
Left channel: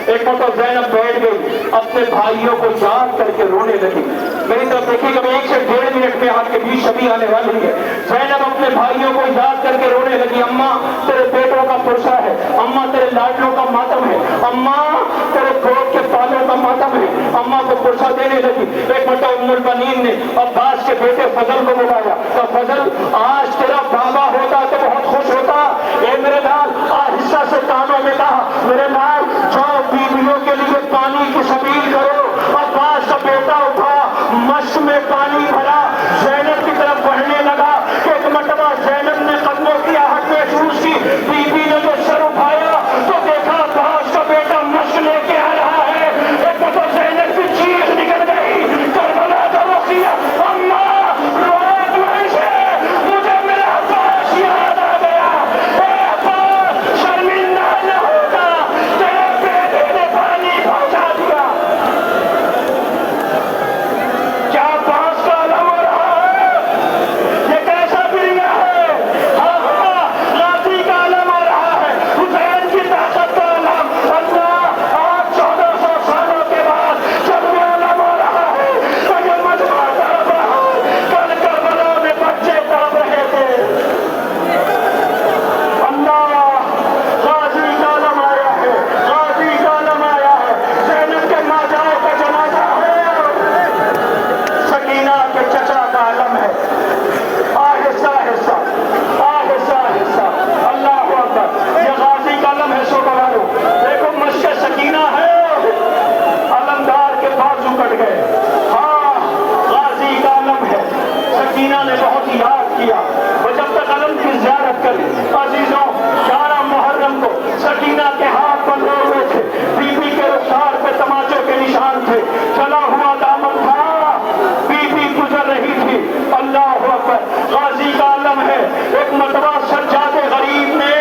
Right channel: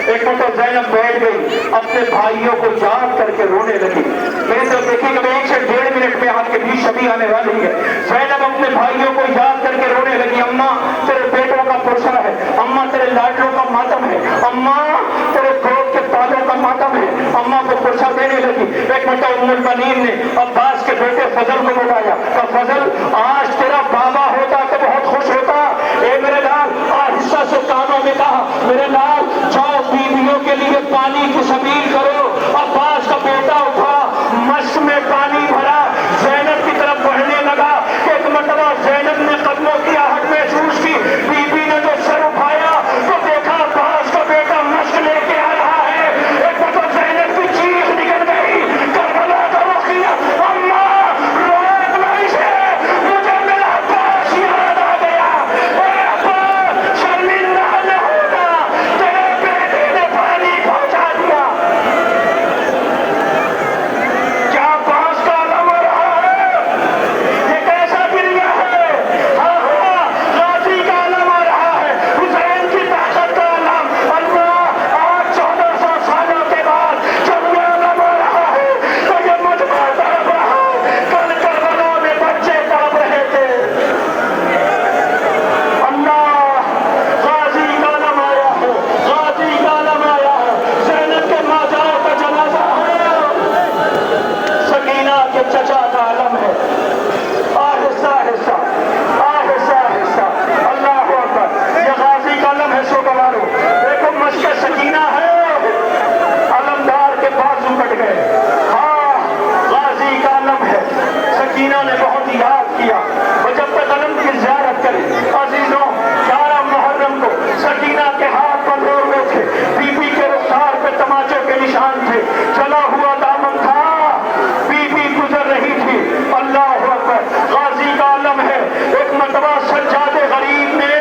एक मतलब ज़ैनब बैठ गई, अपने भाइयों को याद करके रोने लगी। मेरी तरफ देखिए, जब 1 से 1.5 मिनट में आपके बीच शबी आने वाली है। ज़ैनब अपने भाइयों को याद करके रोने लगी, अम्मा तेरे बेटों का पुरसा है, अम्मा तेरे लाडलों का मातम है, अम्मा तेरे गोद के पालों का मातम है, अम्मा को पुरसा देने लगी। एक मतलब उम्मुल बनीन ने अब्बास के बेटे फजल को बुलाया, तो फजल आज तेरा बाबा होता तो बहुत खुश होता। ए मेरे लाल, आहिस्ता से कानों में कहा, मेरे लाल जाओ बीवियों के लिए पानी की सबील करो। अब्बास का बेटा उठा, मश्क में पानी भरा, ज़ैनब की तरफ बढ़ने लगा। एक मरतबा ज़ैनब ने कदमों की आहट महसूस की, बीबी ने जो सर उठाया तो देखा अब्बास का बेटा मश्क लेके आ रहा है। एक मतलब ज़ैनब की चीख निकल गई, करबला का रुख किया, अम्मा रोक नहीं से मुझे मेरा अब्बास याद आ गया। ए अब्बास, शर्मिंदा न होगा, तेरे बेटे ने पानी पहुंचा दिया। क्या अब्बास का अलम हो रहा है? ये कैसा बिरिया है? हाँ हाँ, गाजी का अलम हो रहा है, हुसैन की ताकत का अलम। अल्लाह, आज 1400 सालों के बाद जब ये अलम हो रहा है तो ये मजमा तड़प रहा है। कल करबला में बच्चे तड़प रहे थे। अल्लाह, गाजी का अलम आया है, गाजी का अलम आया है। ज़ैनब के माजाओं का जनाजा है, सकीना के चचा का अलम है। आहिस्ता आहिस्ता, आहिस्ता आहिस्ता, अल्लाह अकबर, ये गाजी का अलम है। सोगवारो देखो, मश्क सकीना है, अलमदार के बाजू कट गए। हाँ, गाजी का अलम है। सकीना ने बहुत याद किया, वो जब तक अलम की ज़ियारत करी। अजीजों, 11 मुहर्रम को सकीना के हाथ बंधे हुए थे, बीबी के रुखसार पे तमाचों के निशान थे, चला हुआ दामन था, बीबी गुजर रही थी। अल्लाह अकबर, गाजी का अलम है। एक मरतबा सज्जादे गरीब ने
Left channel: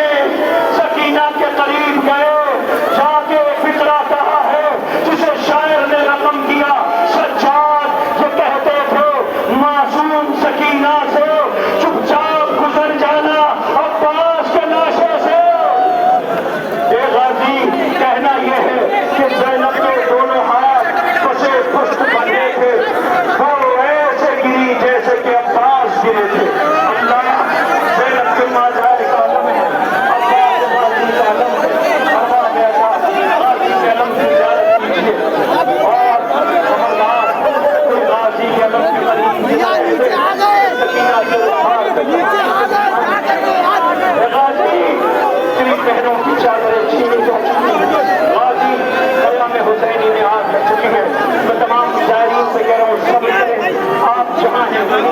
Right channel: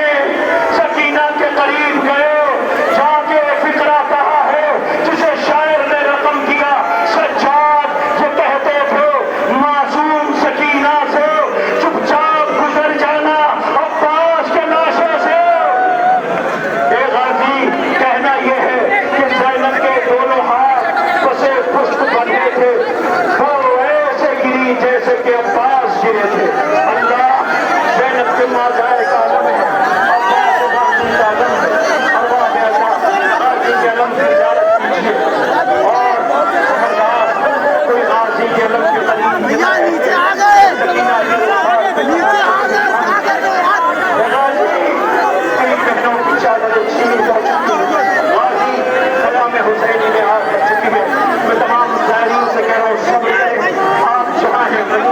अलम की इजाजत कीजिए और गाजी के अलम के करीब भैया नीचे आ गए, नीचे आ गए, क्या कर रहे हो यार? बहनों की चादरें छीनी जा चुकी है, गाजी कलम में हुसैनी में हाथ रख चुकी है। मैं तमाम जाहिरीन से कह रहा हूँ सभी आप जहाँ हैं वहीं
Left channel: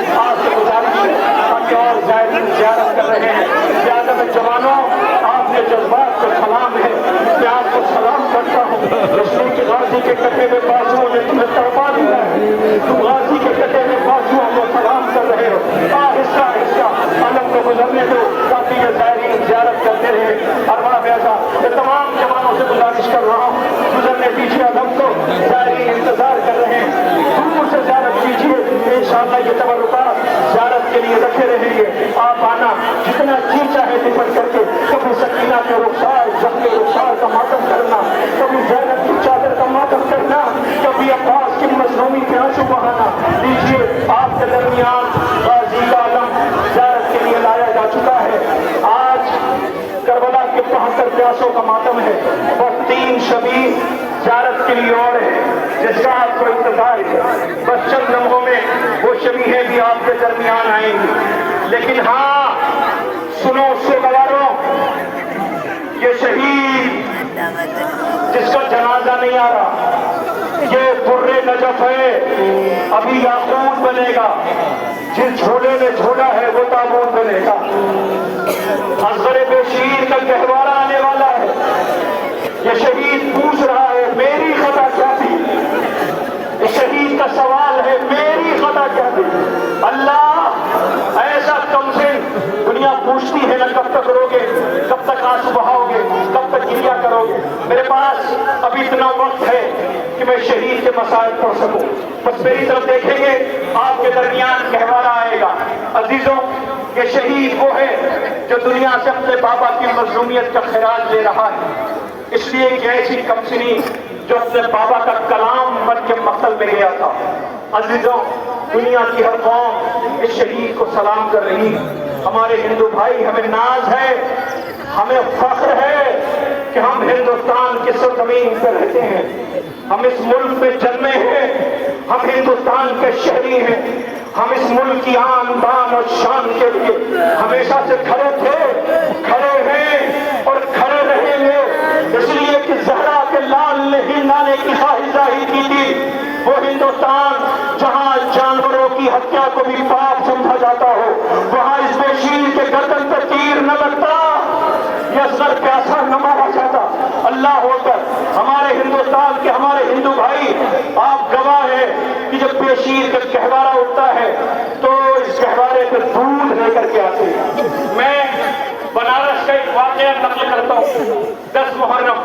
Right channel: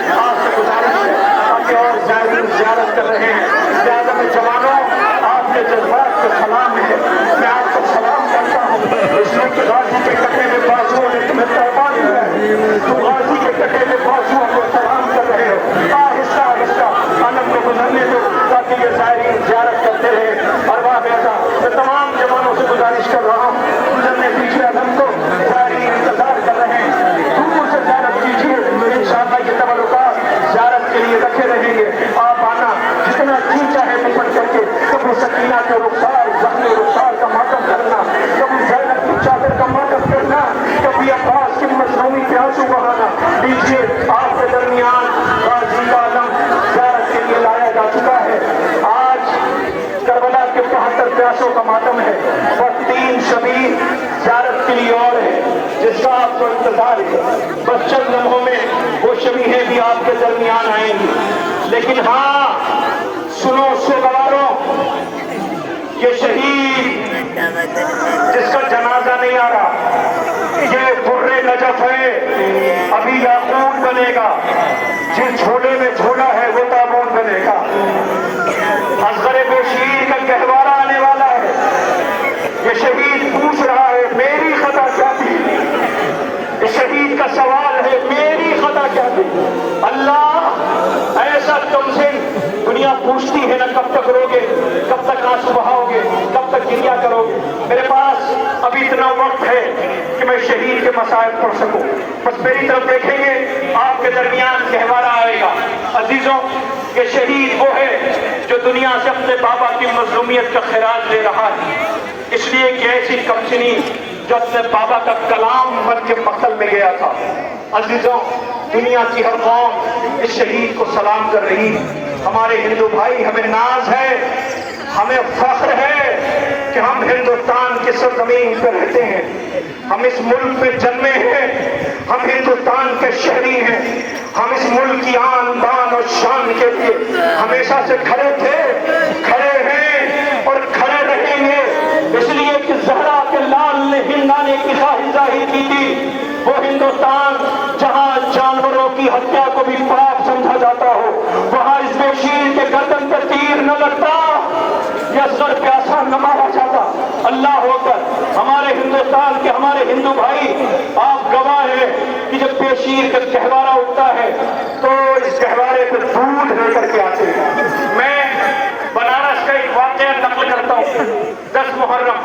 आपसे गुजारिश है कि आप जाहिरीन ज़ियारत कर रहे हैं। ज़्यादा जवानों आपने जज्बात का सलाम है, मैं आपको सलाम करता हूँ। इसलिए कि गाजी के कटे में बाजुओं में तुम्हें तौबा है, तुम गाजी के कटे में बाजुओं में सलाम कर रहे हो। आहिस्ता आहिस्ता अलम को गुजरने दो ताकि ये जाहिरीन ज़ियारत करते रहे। और वहाँ बैठा मैं तमाम जवानों से गुजारिश कर रहा हूँ, गुजरने पीछे अलम को जाहिरीन इंतजार कर रहे हैं, दूर से ज़ियारत कीजिए। इंशाअल्लाह ये तबरुकात ज़ियारत के लिए रखे रहेंगे। आप आना जितना जी चाहे निपट करके, कभी सकीना के रुखसार जख्मी रुखसार का मातम करना, कभी ज़ैनब की चादर का मातम करना, कभी अब्बास की मज़लूमी के आंसू बहाना। लीजिए आपके दरमियान गाजी का अलम ज़ियारत के लिए लाया जा चुका है। आज करबला के 72 प्यासों का मातम है, बस 3 शबीर ज़ियारत के लिए और है जिसका आपको इंतजार है। बस चंद लम्हों में वो शबीहें भी आपके दरमियान आएंगी। लेकिन हाँ सुनो सोगवारों, ये शहीद जिसका जनाजा नहीं आ रहा, ये बुर्रे नजफ है, अभी याकूत बनेगा। जिस झोले में झोला है वो ताबूत बनेगा। असगर बेशीर का गहवारा आने वाला है। ये शहीद पूछ रहा है मेरी खता क्या थी, इस शहीद का सवाल है मेरी खता क्या थी। अल्लाह ऐसा तुमसे दुनिया पूछती है ना, कब तक रोगे, कब तक आंसू बहाओगे, कब तक गिरिया करोगे। मेरे पास अभी इतना वक्त है कि मैं शहीद के मसाइब पढ़ सकूं। बस मेरी तरफ देखेंगे आपके दरमियान गहवारा आएगा। अजीजों, ये शहीद वो है जो दुनिया से अपने बाबा की मजलूमियत का खिराज ले रहा है। इसलिए कि ऐसी कमसिनी जो अपने बाबा का कलाम बन के मकतल में गया था। अजीजों, दुनिया की हर कौम इस शहीद को सलाम कर रही है। हमारे हिंदू भाई, हमें नाज है, हमें फख्र है कि हम हिंदुस्तान की सरजमीन पर रहते हैं, हम इस मुल्क में जन्मे हैं, हम हिंदुस्तान के शहरी हैं। हम इस मुल्क की आन बान और शान के लिए हमेशा से खड़े थे, खड़े हैं और खड़े रहेंगे। इसलिए कि ज़हरा के लाल ने हिंदाने की ख्वाहिश जाहिर की थी, वो हिंदुस्तान जहां जानवरों की हत्या को भी पाप समझा जाता हो, वहां इस बेशीर के गर्दन पे तीर न लगता, ये असगर प्यासा न मारा जाता। अल्लाह होकर हमारे हिंदुस्तान के हमारे हिंदू भाई, आप गवाह हैं कि जब बेशीर का गहवारा उठता है तो इस गहवारे पे दूध लेकर के आते हैं। मैं बनारस का एक वाक़या नक़ल करता हूँ। 10 मुहर्रम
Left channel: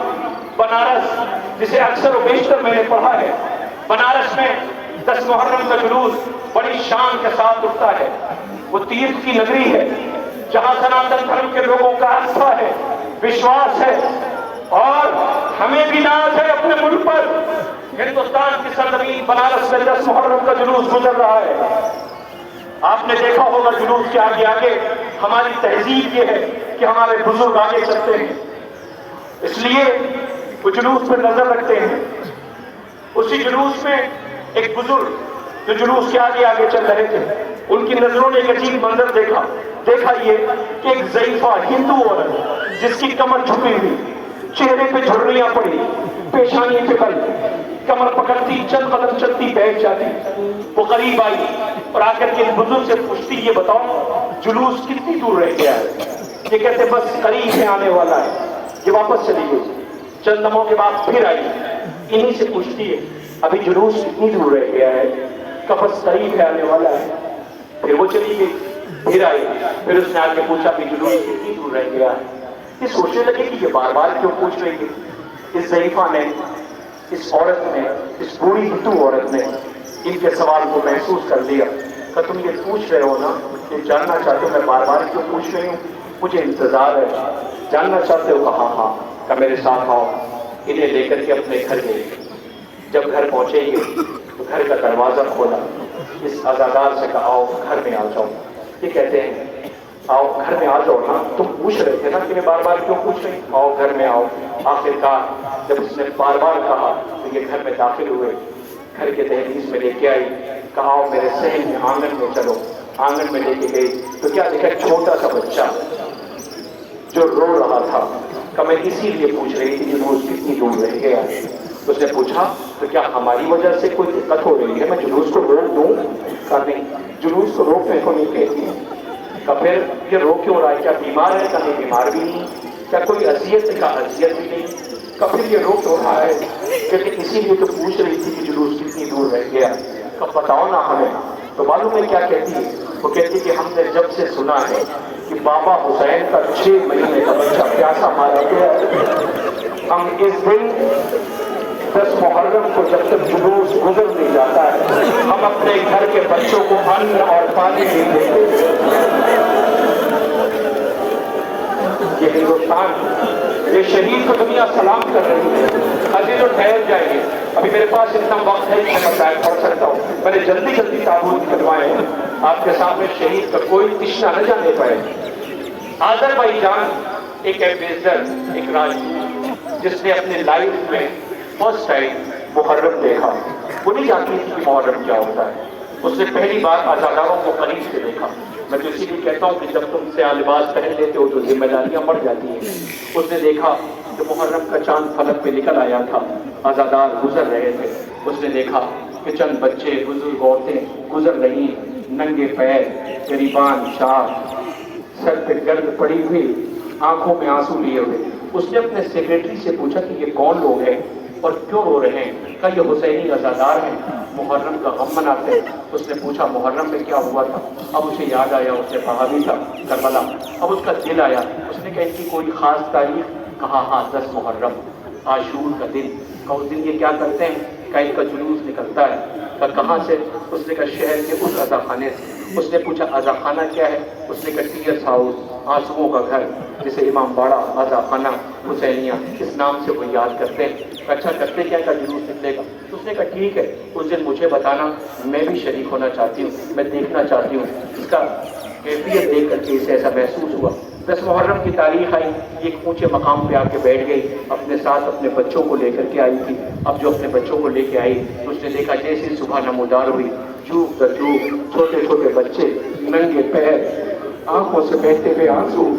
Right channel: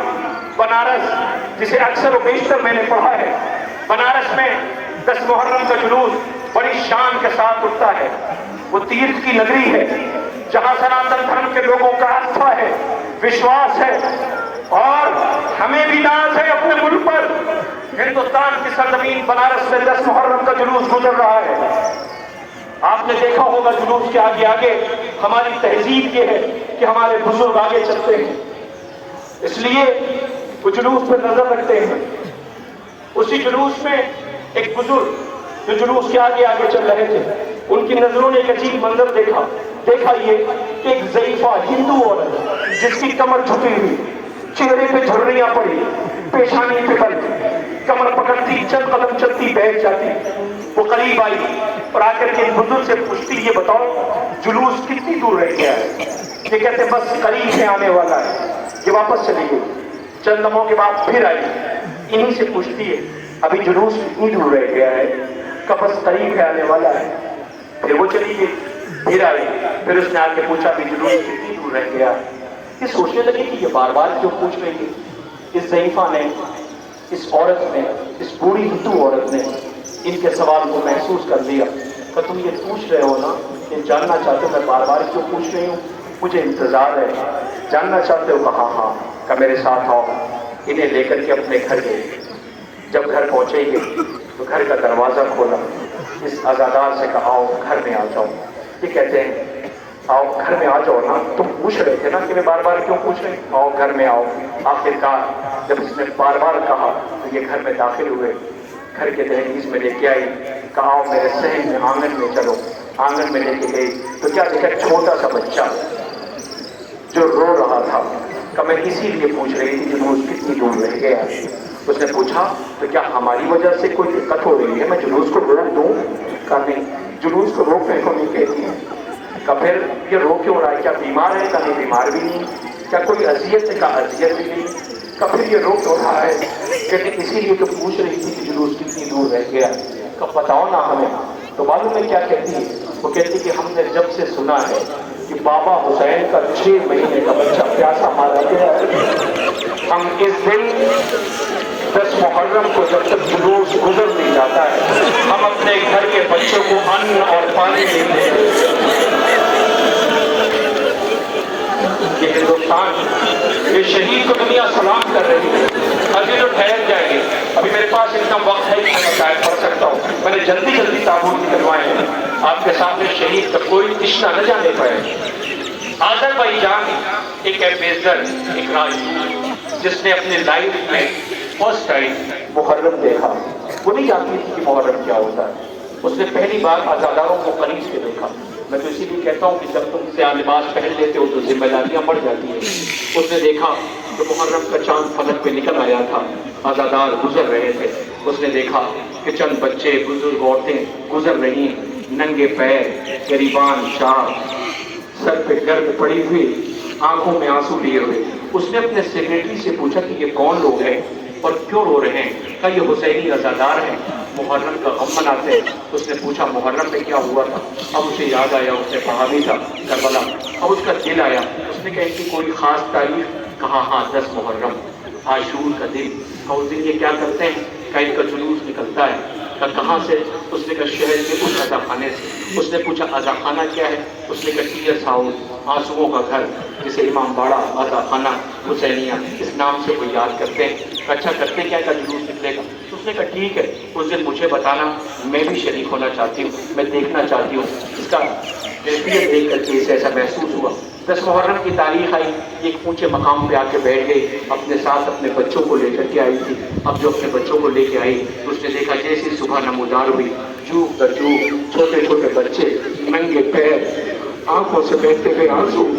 बनारस, जिसे अक्सर व बेशतर मैंने पढ़ा है, बनारस में 10 मुहर्रम का जुलूस बड़ी शान के साथ उठता है। वो तीर्थ की नगरी है जहाँ सनातन धर्म के लोगों का आस्था है, विश्वास है, और हमें भी नाज है अपने मुल्क पर। हिंदुस्तान की सरजमीन बनारस में 10 मुहर्रम का जुलूस गुजर रहा है। आपने देखा होगा जुलूस के आगे आगे हमारी तहजीब ये है कि हमारे बुजुर्ग आगे चलते हैं, इसलिए वो जुलूस पर नजर रखते हैं। उसी जुलूस में एक बुजुर्ग जो जुलूस के आगे आगे चल रहे थे, उनकी नजरों ने एक अजीब मंजर देखा ये कि एक ज़ईफा हिंदू औरत जिसकी कमर झुकी हुई, चेहरे पे झुर्रियां पड़ी, पेशानी पे बल, कमर पकड़ती चंद कदम चलती बैठ जाती। वो करीब आई और आकर के बुजुर्ग से पूछती, ये बताओ जुलूस कितनी दूर रह गया है। ये कहते बस करीब से आने वाला है। ये वापस चली गई। चंद लम्हों के बाद फिर आई, इन्हीं से पूछती है अभी जुलूस कितनी दूर रह गया है, कब बस करीब है आने वाला है। फिर वो चली गई, फिर आई, फिर उसने आके पूछा कि जुलूस कितनी दूर रह गया है। ये सोचने लगे कि ये बार बार क्यों पूछ रही है। इस ज़ईफा ने, इस औरत ने, इस बूढ़ी हिंदू औरत ने इनके सवाल को महसूस कर लिया कि तुम ये पूछ रहे हो ना, ये जानना चाहते हो मैं बार बार क्यों पूछ रही हूँ, मुझे इंतजार है, जानना चाहते हो? कहा हाँ, का मेरे साथ आओ। इन्हें लेकर के अपने घर गए। जब घर पहुंचेंगे तो घर का दरवाजा खोला, इस अज़ादार से कहा घर में आ जाओ। ये कहते हैं آؤ گھر میں آ جاؤ نا، تم پوچھ رہے تھے نا کہ میں بار بار کیوں پوچھ رہے ہیں، آؤ گھر میں آؤ۔ آخرکار جب اس نے بار بار کہا تو یہ گھر میں داخل ہوئے، گھر کے دہلیز میں لے کے آئی، کہا آؤ میرے صحن میں، آنگن میں چلو۔ آنگن میں لے کے گئی تو کیا دیکھا، چھوٹا سا بچہ جو رو رہا تھا۔ کہ میں اسی لیے پوچھ رہی تھی کہ وہ کتنی دور رہ گیا۔ اس نے پوچھا تو کیا ہماری وجہ سے کوئی دقت ہو رہی ہے، میں جلوس کو روک دوں؟ کہا نہیں، جلوس کو روکنے کو نہیں کہتی۔ کہ پھر یہ رو کیوں رہا ہے، کیا بیمار ہے؟ کہ نہیں، بیمار بھی نہیں۔ کیا کوئی اذیت ہے؟ کہ اذیت بھی نہیں۔ کہ پھر یہ رو کیوں رہا ہے؟ کہتے اسی لیے تو پوچھ رہی تھی کہ جلوس کتنی دور رہ گیا۔ کہ بتاؤ نا ہمیں۔ تو معلوم ہے کیا کہتی ہے؟ وہ کہتی کہ ہم نے جب سے سنا ہے کہ بابا حسین کا 6 مہینے کا بچہ پیاسا مارا گیا ہے، ہم اس دن 10 محرم کو جب تک جلوس گزر نہیں جاتا ہے، ہم اپنے گھر کے بچوں کو ان اور پانی نہیں دیتے۔ یہ ہندوستان، یہ شہید کو دنیا سلام کر رہی ہے۔ ابھی تو ٹھہر جائیں گے، ابھی میرے پاس اتنا وقت ہے کہ میں بتایا پڑھ سکتا ہوں۔ میں نے جلدی جلدی تابوت نکلوائے ہیں، آپ کے سامنے شہید کا کوئی تشنا نہ جانے پائے۔ آذربائیجان ایک ایمبیسڈر، ایک راجدوت جس نے اپنے لائف میں فرسٹ ٹائم محرم دیکھا، وہ نہیں جانتی تھی کہ محرم کیا ہوتا ہے۔ اس نے پہلی بار آزاداروں کو قریب سے دیکھا۔ میں تو اسی لیے کہتا ہوں کہ جب تم سے لباس پہن لیتے ہو تو ذمہ داریاں بڑھ جاتی ہیں۔ اس نے دیکھا کہ محرم کا چاند فلک پہ نکل آیا تھا، آزادار گزر رہے تھے۔ اس نے دیکھا کہ چند بچے، بزرگ، عورتیں گزر رہی، ننگے پیر، غریبان شاہ، سر پہ گرد پڑی ہوئی، آنکھوں میں آنسو لیے ہوئے۔ اس نے اپنے سیکریٹری سے پوچھا کہ یہ کون لوگ ہیں اور کیوں رو رہے ہیں؟ کہ یہ حسینی عزادار ہیں، محرم کا غم مناتے ہیں۔ اس نے پوچھا محرم میں کیا ہوا تھا؟ اب اسے یاد آیا، اس نے کہا بھی تھا کربلا۔ اب اس کا دل آیا، اس نے کہا ان کی کوئی خاص تاریخ؟ کہا ہاں 10 محرم، عاشور کا دن۔ اور اس دن یہ کیا کرتے ہیں؟ کہ ان کا جلوس نکلتا ہے۔ کہ کہاں سے؟ اس نے کہا شہر کے اس عزا خانے سے۔ اس نے پوچھا عزا خانہ کیا ہے؟ اس نے کہا ٹیئرس ہاؤس، آنسوؤں کا گھر، جسے امام باڑہ عزا خانہ حسینیہ اس نام سے وہ یاد کرتے ہیں۔ اچھا کرتے کیا؟ کا جلوس نکلے گا۔ اس نے کہا ٹھیک ہے، اس دن مجھے بتانا، میں بھی شریک ہونا چاہتی ہوں، میں دیکھنا چاہتی ہوں۔ اس کا کیفیت دیکھ کر کے اسے ایسا محسوس ہوا۔ 10 محرم کی تاریخ آئی، ایک اونچے مقام پہ آ کے بیٹھ گئی، اپنے ساتھ اپنے بچوں کو لے کر کے آئی تھی۔ اب جو اپنے بچوں کو لے کے آئی، اس نے دیکھا جیسی صبح نمودار ہوئی، چوک در چوک چھوٹے چھوٹے بچے، ننگے پیر، آنکھوں سے بہتے ہوئے آنسو،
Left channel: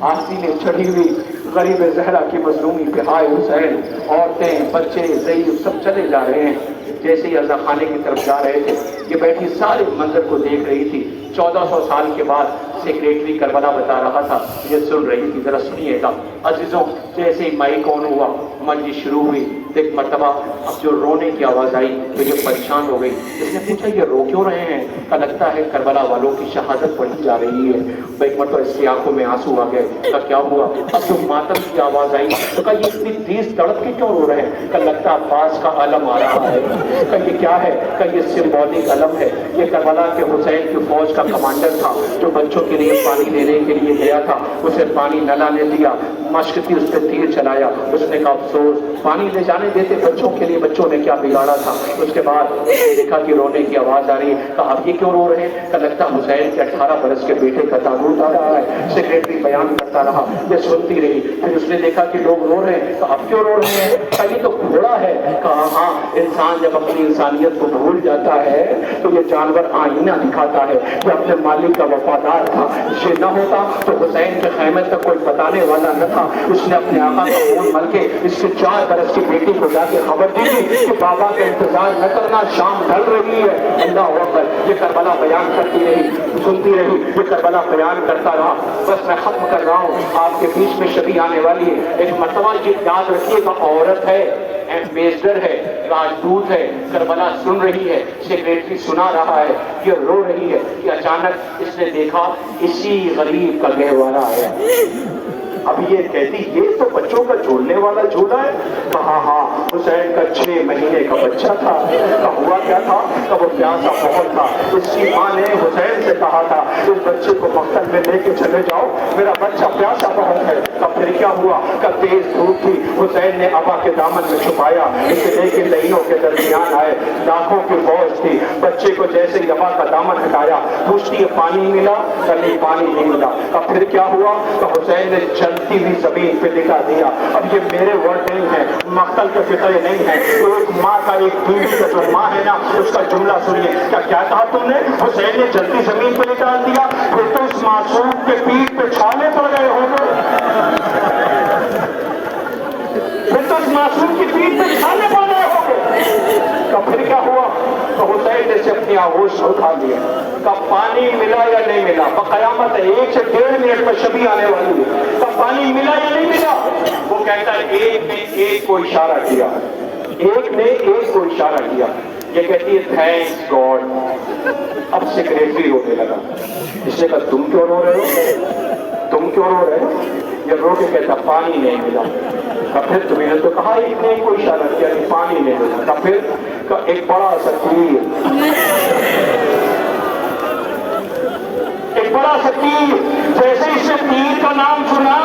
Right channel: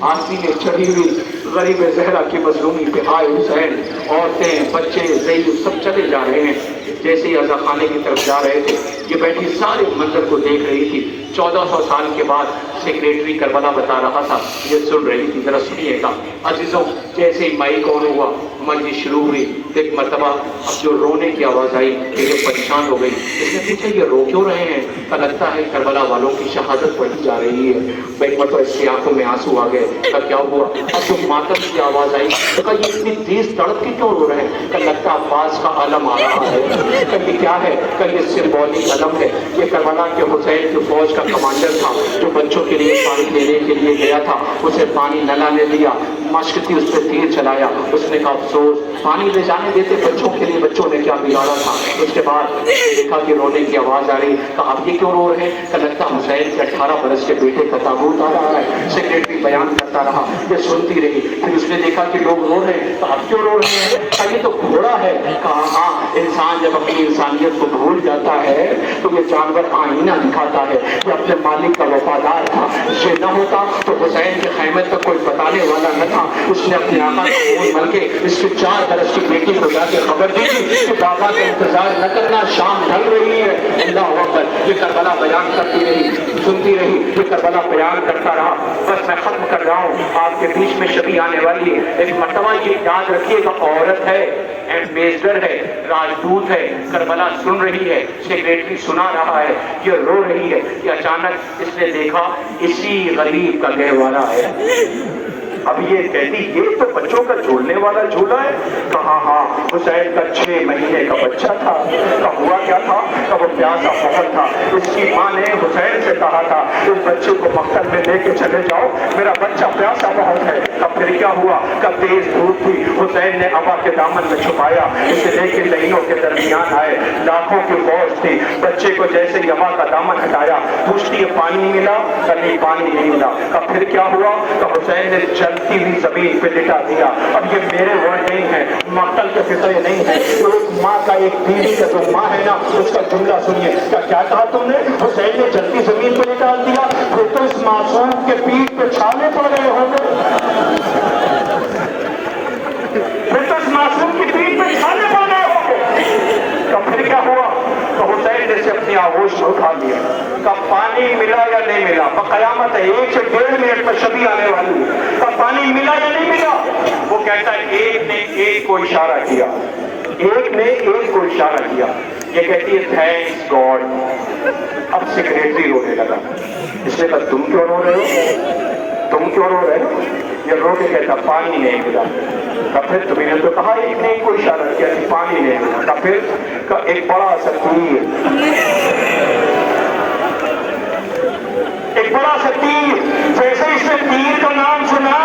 آستینیں چڑھی ہوئی غریب زہرا کی مظلومی پہ ہائے حسین، عورتیں، بچے، ضعیف سب چلے جا رہے ہیں۔ جیسے ہی عزا خانے کی طرف جا رہے تھے، یہ بیٹھی سارے منظر کو دیکھ رہی تھی۔ 1400 سال کے بعد سیکریٹری کربلا بتا رہا تھا، یہ سن رہی تھی، ذرا سنیے گا۔ عزیزوں، جیسے ہی مائک آن ہوا، مجلس شروع ہوئی، ایک مرتبہ اب جو رونے کی آواز آئی کہ یہ پریشان ہو گئی۔ اس نے پوچھا یہ رو کیوں رہے ہیں؟ کہ لگتا ہے کربلا والوں کی شہادت پڑھی جا رہی ہے۔ ایک مرتبہ اس کی آنکھوں میں آنسو آ گئے۔ کہ کیا ہوا؟ اب جو ماتم کی آواز آئی تو کہا یہ اتنی تیز تڑپ کے کیوں رو رہے ہیں؟ کہ لگتا عباس کا علم آ رہا ہے۔ کہ یہ کیا ہے؟ کہ یہ سمبولک علم ہے، یہ کربلا کے حسین کی فوج کا کمانڈر تھا جو بچوں کے لیے پانی لینے کے لیے گیا تھا، اسے پانی نہ لانے دیا، مشق تھی، اس پہ تیر چلایا۔ اس نے کہا افسوس، پانی لے جانے دیتے بچوں کے لیے، بچوں نے کیا بگاڑا تھا۔ اس کے بعد دیکھا کہ رونے کی آواز آ رہی، کہا اب یہ کیوں رو رہے ہیں؟ کہ لگتا حسین کے 18 برس کے بیٹے کا تابوت آ رہا ہے۔ سیکریٹری بیان کرتا رہا، یہ سنتی رہی۔ پھر اس نے دیکھا کہ لوگ رو رہے ہیں، کہا اب کیوں رو رہے ہیں؟ کہا یہ تو گھوڑا ہے۔ کہا ہاں، انسان جب اپنی انسانیت کو بھول جاتا ہے تو یہ جانور آئینہ دکھاتا ہے کہ اپنے مالک کا وفادار تھا۔ یہ نہ ہوتا تو حسین کے خیمے تک کوئی بتانے والا نہ تھا۔ اس نے اپنے آقا کا خون مل کے اس کی 4 برس کی بیٹی کو جا کے خبر دی کہ بابا کا انتظار نہ کرنا، شام ڈھل رہی ہے۔ اللہ اکبر، یہ کربلا بیان کرتی رہی، سنتی رہی، یہ کربلا بیان کرتا رہا۔ بس میں ختم کر رہا ہوں، آپ کے بیچ میں شبی آنے والی ہے۔ ایک مرتبہ یہ یاد رکھیے گا، عورت ہے، ایمبیسڈر ہے، راجدوت ہے، کربلا سن رہی ہے، سیکریٹری سنا رہا ہے، یہ رو رہی ہے کہ اچانک اس نے دیکھا اسی غریب کا گہوارہ ہے۔ اب یہ کہتی یہ تو بچوں کا جھولنے والا جھولا ہے. کہا ہاں حسین کا 6 مہینے کا بچہ تھا. ہوا کیا تھا کہ وہ پیاسا بہت تھا. اس کی ماں نے حسین سے کہا تھا اس بچے کو مقتل میں لے کے چلے جاؤ, میرا بچہ پیاسا بہت ہے. تب پھر کیا ہوا کہ تیز دھوپ تھی, حسین نے ابا کے دامن میں چھپایا, اسے لے کے لہنوں کے درمیان آئے. لاکھوں کی فوج تھی. بچے کو جیسے ہی ابا کا دامن ہٹایا, پوچھتی ہے پانی ملا؟ کہیں پانی نہیں ملا. تب پھر کیا ہوا کہ حسین نے جلتی ہوئی زمین پہ لٹا دیا. اب یہ میرے ورڈ نہیں ہے, مقتل کے فطرے نہیں ہے. ایک ماں کا, ایک بیوی کا جو ماں ہے نا, اس کا جملہ سنیے. کیا کہا تم نے؟ حسین نے جلتی زمین پہ لٹا دیا. پھر تو اس معصوم کے پیٹھ پہ چھالے پڑ گئے ہوں گے. پھر تو اس معصوم کی پیٹھ پہ چھالے پڑ گئے ہوں گے. پھر کیا ہوا تو حسین نے سے اپنی آغوش اٹھا لیا. کب پانی ملا یا نہیں ملا؟ قیامت ہے, 1 سے 1.5 منٹ میں شبی آنے والی ہے. کب پانی ملا یا نہیں ملا؟ وہ کہتا ہے ایک نے ایک کو اشارہ کیا, ایک نے ایک کو اشارہ کیا. یہ کہتی ہے تھینکس گاڈ. اب سیکریٹری رونے لگا. اس نے کہا تم کیوں رو رہے ہو؟ تم کیوں رو رہے ہو؟ یہ رو کے کہتا پانی نہیں ملا. تب پھر تمہیں نے تو کہا ایک نے ایک کو اشارہ کیا کہ پانی نہیں ملا. تب پھر ایک بڑا سا تیر, ایک بڑا سا تیر, جیسے اس نے تیر کا نام سنا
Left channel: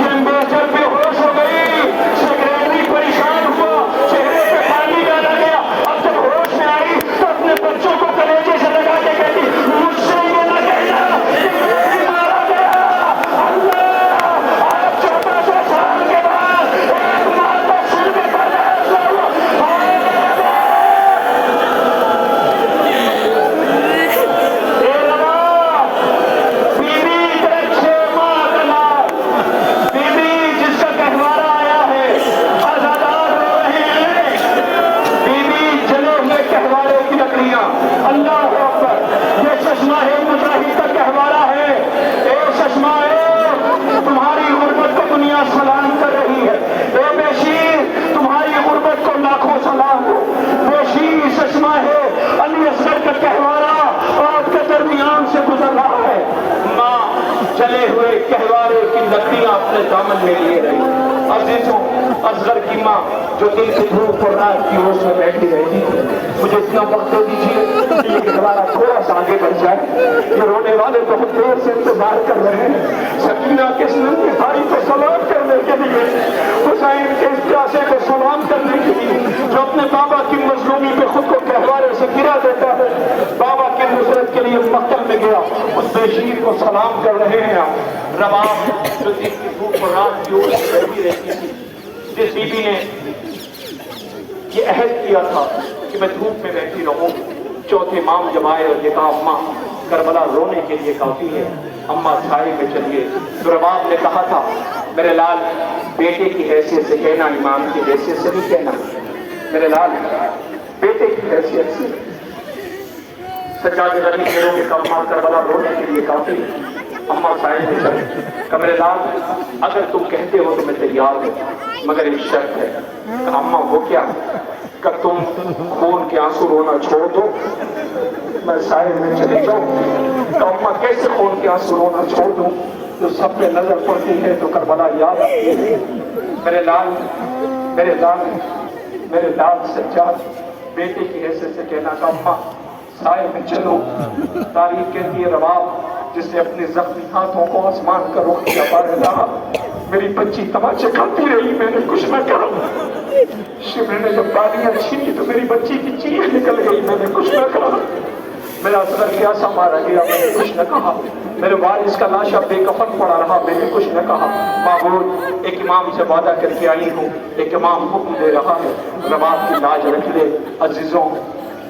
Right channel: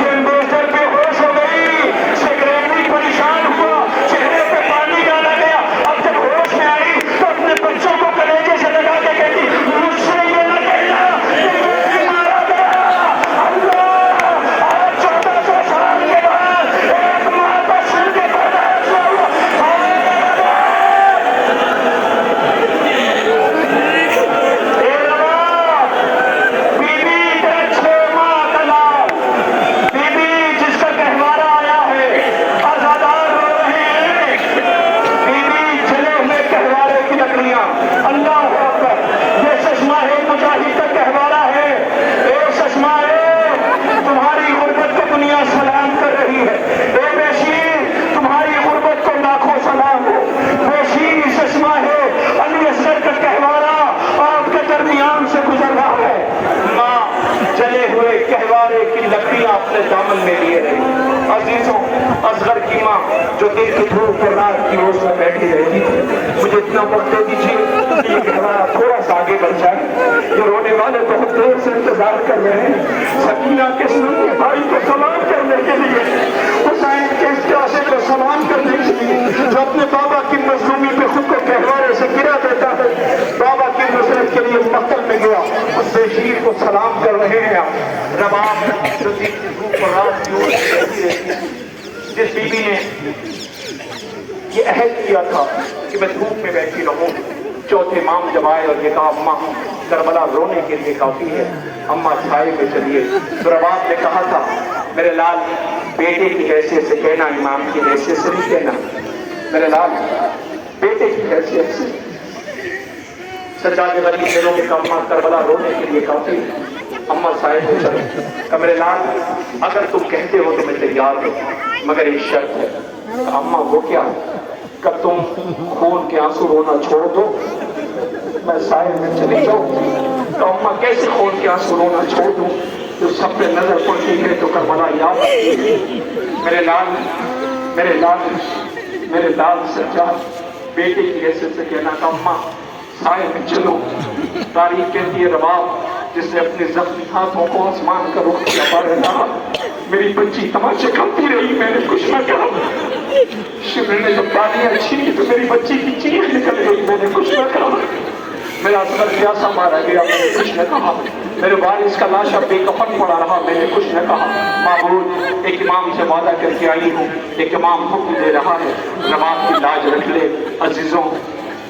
یہ ایمبیسڈر بے ہوش ہو گئی. سیکریٹری پریشان ہوا, چہرے پہ پانی ڈالا گیا. اب جب ہوش میں آئی تو اپنے بچوں کو کلیجے سے لگا کے کہتی مجھ سے یہ نہ کہنا کہ میں بھی مارا گیا. اللہ, آج 1400 سال کے بعد ایک ماں کو سن کے برداشت نہ ہوا. اللہ اکبر, یہ چشمہ ہے مجاہد کا کہوارہ ہے. اے چشمہ ہے, تمہاری غربت کو دنیا سلام کر رہی ہے. اے بیشیر, تمہاری غربت کو لاکھوں سلام ہو. بیشیر چشمہ ہے, علی اصغر کا کہوارہ آپ کے درمیان سے گزر رہا ہے. ماں جلے ہوئے کہوارے کی لکڑیاں اپنے دامن میں لیے رہی. عزیزوں, اصغر کی ماں جو دن کی دھوپ اور رات کی روز میں بیٹھی رہتی تھی, مجھے اتنا وقت دے دیجیے کہ یہ کہوارہ تھوڑا سا آگے بڑھ جائے. جو رونے والے بہت دیر سے انتظار کر رہے ہیں سکینہ کے سنن کے بھائی کو سلام کرنے کے لیے, حسین کے اس پیاسے کو سلام کرنے کے لیے, جو اپنے بابا کی مظلومی پہ خود کو کہوارے سے گرا دیتا ہے, بابا کی نصرت کے لیے مقتل میں گیا, اس بیشیر کو سلام کر رہے ہیں. رباب جو دن کی دھوپ اور رات کی روز رہتی ہے, جس بی بی نے یہ عہد کیا تھا کہ میں دھوپ میں بیٹھی رہوں. چوتھے امام جب آئے اور یہ کہا اماں کربلا رونے کے لیے کافی ہے, اماں چھائے میں چلیے. تو رباب نے کہا تھا میرے لال بیٹے کی حیثیت سے کہنا, امام کی حیثیت سے نہیں کہنا. میرے لال بیٹے کی حیثیت سے. سجاد غریب نے رونے کا اماں کربلا رونے کے لیے کافی, اماں چھائے میں چلے. کہ میرے لال اگر تم کہتے ہو تو میں تیار ہوں, مگر ایک شرط ہے. کہ اماں وہ کیا؟ کہ تم خون کے آنسو رونا چھوڑ دو, میں سائے میں چلی جاؤں. تو اماں کیسے خون کے آنسو رونا چھوڑ دوں؟ جو سب پہ نظر پڑتی ہے تو کربلا یاد آتی ہے. میرے لال, میرے لال, میرے لال سجاد بیٹے کی حیثیت سے کہنا تھا اماں سائے میں چلو. تاریخ کہتی ہے رباب جس نے اپنے زخمی ہاتھوں کو آسمان کا رخ کیا پارے رہا. میری بچی تماشے کھاتی رہی, میں نے کچھ نہ کہا. شمر نے جب تالیاں چھینی تو میری بچی کی چیخ نکل گئی, میں نے کچھ نہ کہا. میرا سر پیاسا مارا گیا, میں نے کچھ نہ کہا. میرے وارث کا لاشا بے کفن پڑا رہا, میں نے کچھ نہ کہا. معبود ایک امام سے وعدہ کر کے آئی ہوں, ایک امام حکم دے رہا ہے رباب کی لاج رکھ لے. عزیزوں,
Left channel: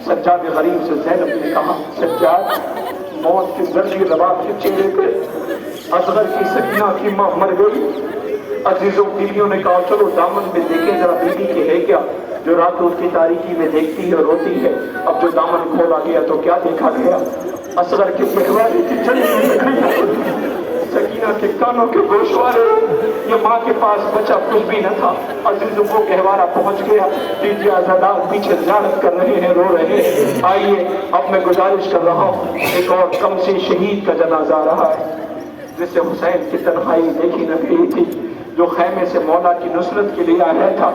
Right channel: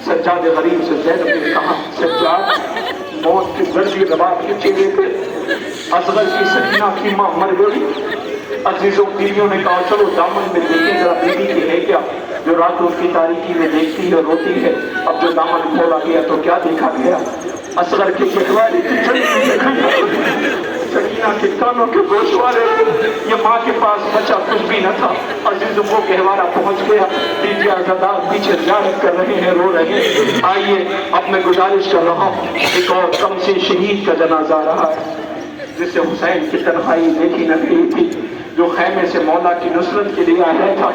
سجاد غریب سے زینب نے کہا سجاد موت کی زردی رباب کے چہرے پہ. اصغر کی سکینہ کی ماں مر گئی. عزیزوں بیویوں نے کہا چلو دامن میں دیکھیں ذرا بیوی کی ہے کیا جو راتوں کی تاریکی میں دیکھتی ہے روتی ہے. اب جو دامن کھولا گیا تو کیا دیکھا گیا؟ اصغر کے پٹوارے کی چھڑی سکینہ کے کانوں کے گوشوارے. یہ ماں کے پاس بچہ کچھ بھی نہ تھا. عزیزوں کو گہوارہ پہنچ گیا. بیوی آزادار پیچھے زیارت کر رہے ہیں, رو رہے ہیں. آئیے اب میں گزارش کر رہا ہوں, ایک اور کم سے شہید کا جنازہ رہا جسے حسین کی تنہائی دیکھی نہ گئی تھی، جو خیمے سے مولا کی نصرت کے لیے آیا تھا،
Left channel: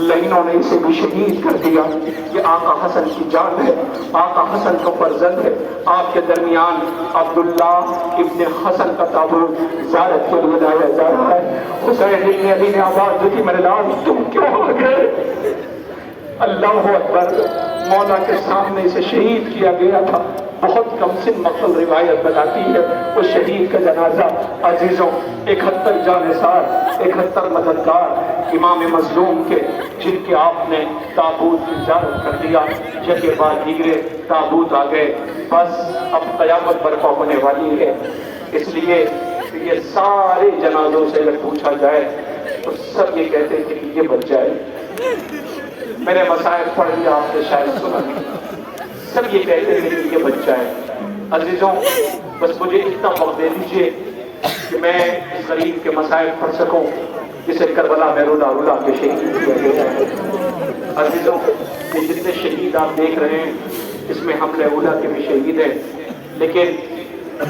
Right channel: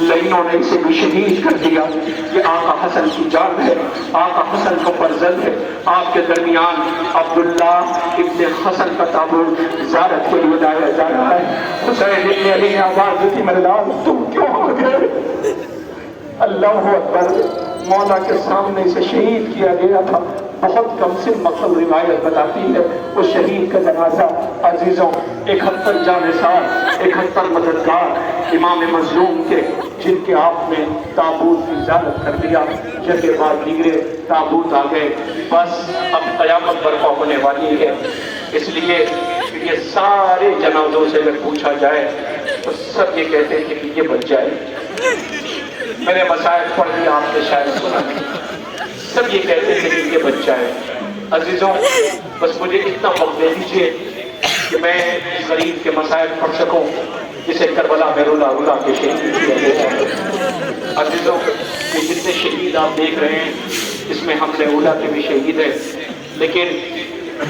لائنوں نے اسے بھی شہید کر دیا۔ یہ آقا حسن کی جان ہے، آقا حسن کا فرزند ہے۔ آپ کے درمیان عبداللہ ابن حسن کا تابوت زیارت کے لیے لایا جا رہا ہے۔ حسین ابن علی نے آواز دی تھی، میرے لال تم کیوں آ گئے؟ اللہ اکبر، مولا کے سامنے اسے شہید کیا گیا تھا۔ بہت کم سے مقصد روایت بتاتی ہے اس شہید کا جنازہ عزیزوں 71 جانثار، 71 مددگار امام مظلوم کے، جن کے آپ نے تابوت کی زیارت کر دیا، جگہ بار دیگرے تابوت آ گئے۔ بس اب قیامت برپا ہونے والی ہے، اس لیے یہ سارے جنازوں سے اگر پوچھا جائے تو سب یہ کہتے ہیں کہ یہ بچ جائے۔ میرے مسائل پڑھ لیا آپ نے شاید سنا، سب یہ کہتے ہیں کہ یہ بچہ ہے۔ عزیزوں بس مجھے اتنا وقت دے دیجئے کہ میں غریب کے مسائل پڑھ سکوں جسے کربلا میں رولا رولا کے شہید کیا گیا ہے۔ عزیزوں یہ جتنے شہید آپ دیکھ رہے ہیں اس میں حملہ اولا کے بھی شہید ہیں، لیکن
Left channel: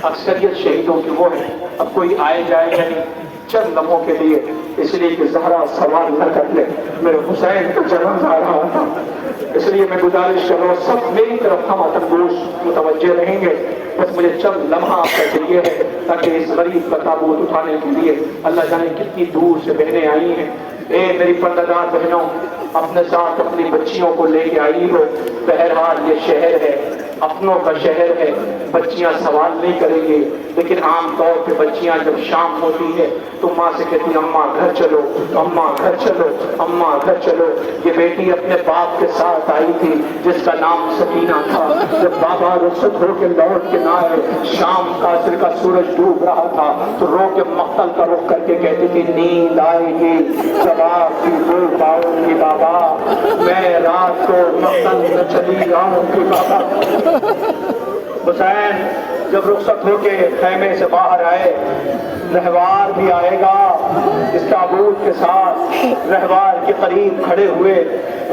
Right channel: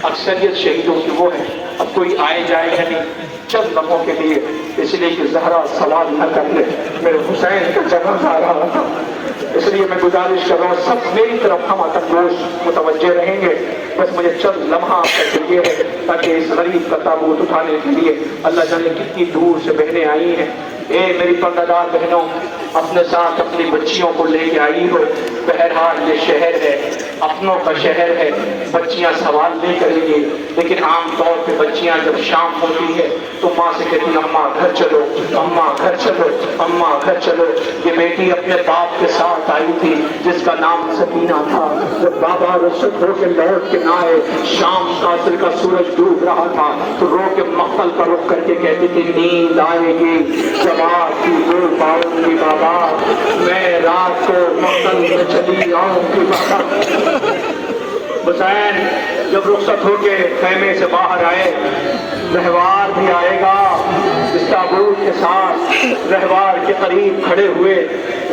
اکثریت شہیدوں کی وہ ہے۔ اب کوئی آئے جائے گا نہیں چند لمحوں کے لیے، اس لیے کہ زہرا سوال نہ کر لے، میرے حسین کا جنازہ آ رہا تھا، اس لیے میں گزارش کر رہا ہوں سب میری طرف ہم تندوش متوجہ رہیں گے۔ بس مجھے چند لمحہ آپ کا دیے ہے تاکہ اس غریب کا تابوت اٹھانے کے لیے اللہ جانے کتنی دور سے بہنیں آئی ہیں۔ اے میری پردہ بہنوں، اپنے ساتھ اپنی بچیوں کو لے کے آئی ہو۔ بہرحال یہ شہر ہے، اپنوں کا شہر ہے، بچیاں سوال نہیں کریں گی، لیکن عام طور پہ بچیاں جب شام ہوتی ہے تو ماں سے کہتی اماں گھر چلو، اماں گھر چلو، اماں گھر چلو۔ یہ بیٹی اپنے باپ کے ساتھ آئی تھی جس کا نام سکینہ تھا۔ جب بابا رخصت ہو کے لوٹ کے نہ آئے، شام قاصر کا سورج ڈوب رہا تھا تو رو کے مقتل کا رخ کر کے کہتی تھی نیند آئے گی جب آپ کی دو پاؤں گی بابا، میں رات کو مقتل میں چلی آؤں گی بابا۔ حسین جب رخصت ہو کے خیمے سے باہر آئے، رہوار بھی آئے گا اس تابوت کے ساتھ، رہوار کے قریب کھڑے ہوئے،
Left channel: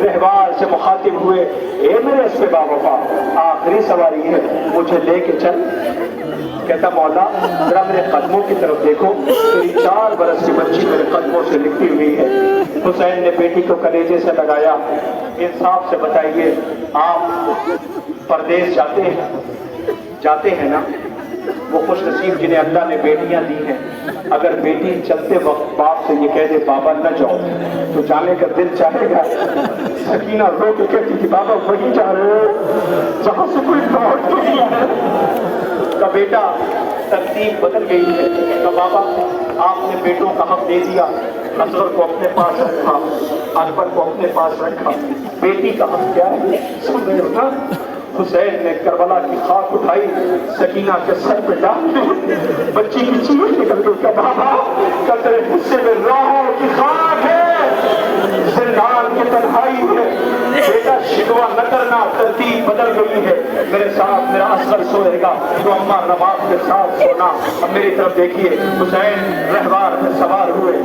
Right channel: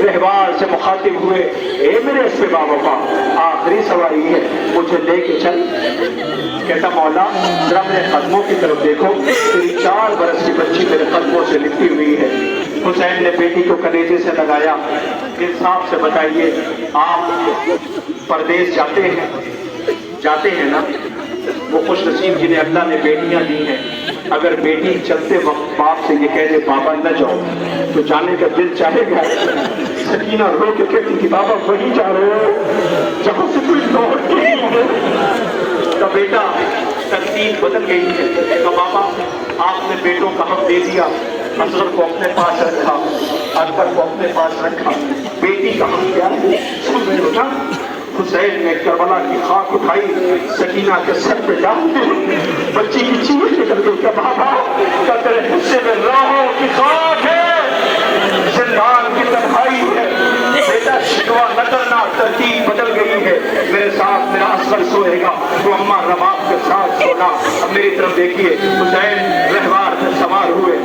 رہوار سے مخاطب ہوئے، اے میرے اسپے باوفا آخری سواری ہے، مجھے لے کے چل۔ کہتا مولا ذرا میرے قدموں کی طرف دیکھو، تیری 4 برس کی بچی میرے قدموں سے لپٹی ہوئی ہے۔ حسین نے بیٹی کو کلیجے سے لگایا، انصاف سے بتائیے آپ پردیس جاتے ہیں نا، وہ خوش نصیب جنہیں اللہ نے بیٹیاں دی ہیں، اگر بیٹی چلتے وقت باپ سے یہ کہہ دے بابا نہ جاؤ تو جانے کا دل چاہے گا؟ سکینہ رو کے کہتی تھی بابا وہیں جا رہے ہو جہاں سے کوئی لوٹ نہیں ہے۔ کا بیٹا ترتیب بدل گئی ہے کہ بابا آپ نے بیٹوں کا حق دے دیا، اصغر کو اپنے پاس رکھا، اکبر کو اپنے پاس رکھا، بیٹی کا حق کیا ہے؟ سن رہے ہو نا؟ حسین نے کربلا کی خاک اٹھائی، سکینہ کے سر پہ ڈال دی، بچی کی چیخ نکل گئی کہ بابا تیرے حصے میں راہوں کی خاک ہے، زندان کی تنہائی ہے، بیٹا شکوہ نہ کرنا، ترتیب بدل گئی ہے، میرے ساتھ میرا اصغر سوئے گا تو اماں رباب کے ساتھ سونا۔ اب میری طرف دیکھیے، حسین رہوار میں سوار ہوئے،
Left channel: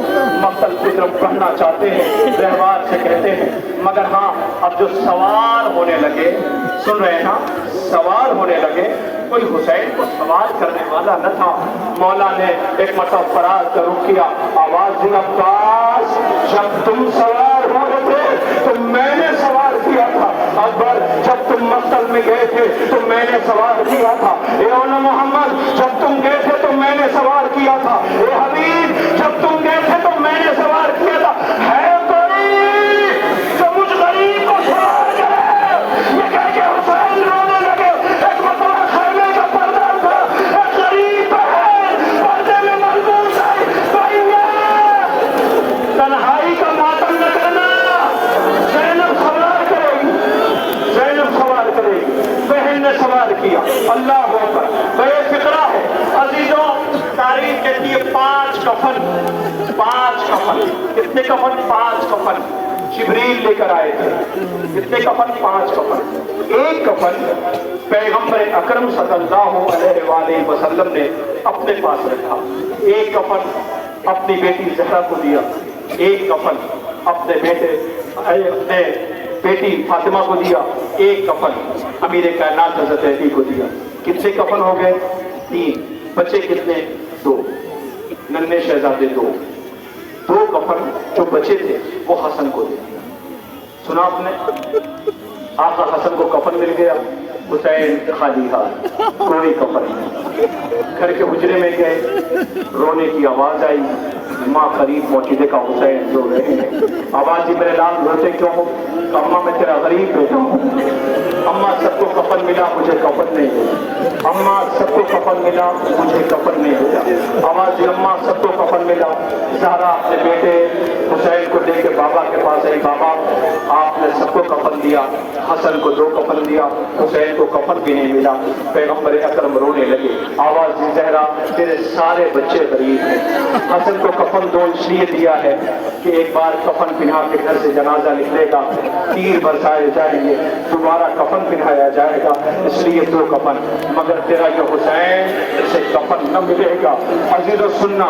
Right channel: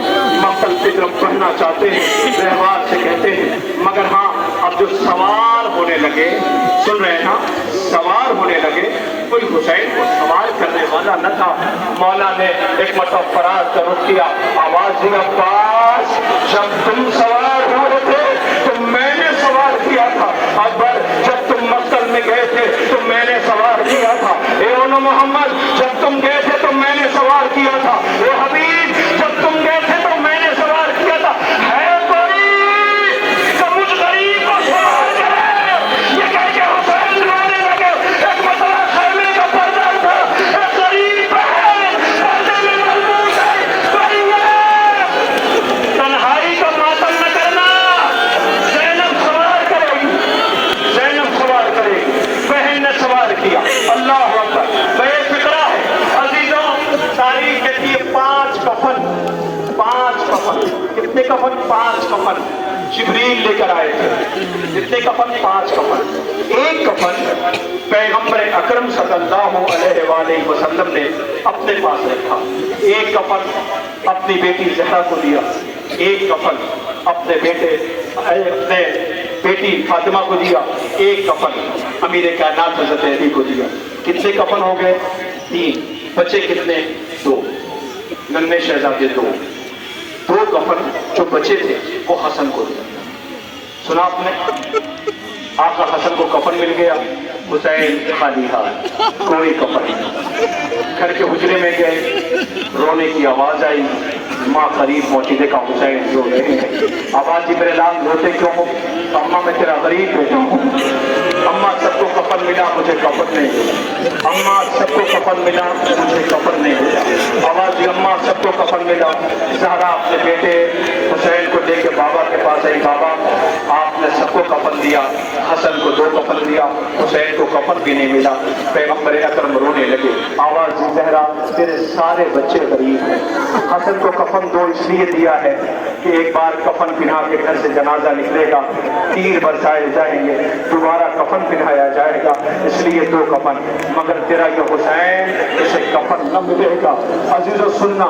مقتل کی طرف بڑھنا چاہتے ہیں، رہوار سے کہتے ہیں مگر ہاں اب جو سوار ہونے لگے، سن رہے ہیں نا، سوار ہونے لگے، کوئی حسین کو سوار کرنے والا نہ تھا۔ مولا نے ایک مرتبہ فراز کا رخ کیا، آواز دی عباس جب تم سوار ہوئے تھے تو میں نے سوار کیا تھا، اکبر جب تم مقتل میں گئے تھے تو میں نے سوار کیا تھا، اے اونا محمد جب تم گئے تھے تو میں نے سوار کیا تھا، اے حبیب جب تم گئے تھے تو میں نے سوار کیا تھا۔ ہے کوئی جو مجھ غریب کو سوار کرے؟ یہ کہہ کے حسین رونے لگے۔ ایک مسئلہ خیمے کا پردہ تھا، ایک غریب ہے پردے میں ملبوس ہے، تنہائی کا ماتم نہ کرنا۔ زینب سوار کرے گی، زینب سوار کرے گی، بہن نے سوار کیا، اللہ اکبر۔ بے فکرہ ہے عزیزوں، تاریخ کے لیے 5 کفن، 5 کفن، کتنے کفن؟ 5 کفن جبریل لے کر آئے تھے۔ کتنے کفن؟ 5 کفن۔ ایک کفن پیغمبر اکرم صلی اللہ علیہ وآلہ وسلم نے اپنے پاس رکھا، ایک کفن اپنی بیٹی زہرا کو دیا، ایک کفن اپنے بیٹی فاطمہ کو دیا، ایک کفن امیر کائنات حضرت علی کو دیا۔ کتنے کفن ہو گئے؟ 3، بچے کتنے؟ 2۔ नन्हे शहजादे दो कफन जो बचे थे वो हसन को दिया। सुना आपने, आपका हसन को कफन मिल गया, हुसैन खाली हाथ, कोई कफन नहीं। घर के हुजरे में गए, रोने की आवाज आई, माँ करीब पहुंची, देखा हुसैन रो रहे हैं। आवाज जी मेरे लाल रोते क्यों हो? अम्मा मैं तेरा गरीब बेटा हूँ। अम्मा सबको कफन मिला, मुझे कफन नहीं मिला। अम्मा सबको कफन मिला, मुझे कफन नहीं मिला। आवाज जी अम्मा सबको कफन मिला। ज़हरा अपने बेटे हुसैन को लेके बाबा के पास आई, बाबा आपने सबको कफन दिया, हसन को 2 कफन दिया, हुसैन को कफन भी नहीं मिला। पैगंबर अकरम रोने लगे। आवाज जी ज़हरा तेरे सारे बच्चे गरीब हैं, हसन को कफन 2 इसलिए दिया है कि एक बार कफन पिन्हा के घर से जनाजा निकलेगा, तीर बरसाए जाएंगे, दोबारा कफन पिन्हाया जाएगा, इसलिए 2 कफन। मगर तेरा ये हुसैन, इसे कफन न मिलेगा। अजीजों सुनना,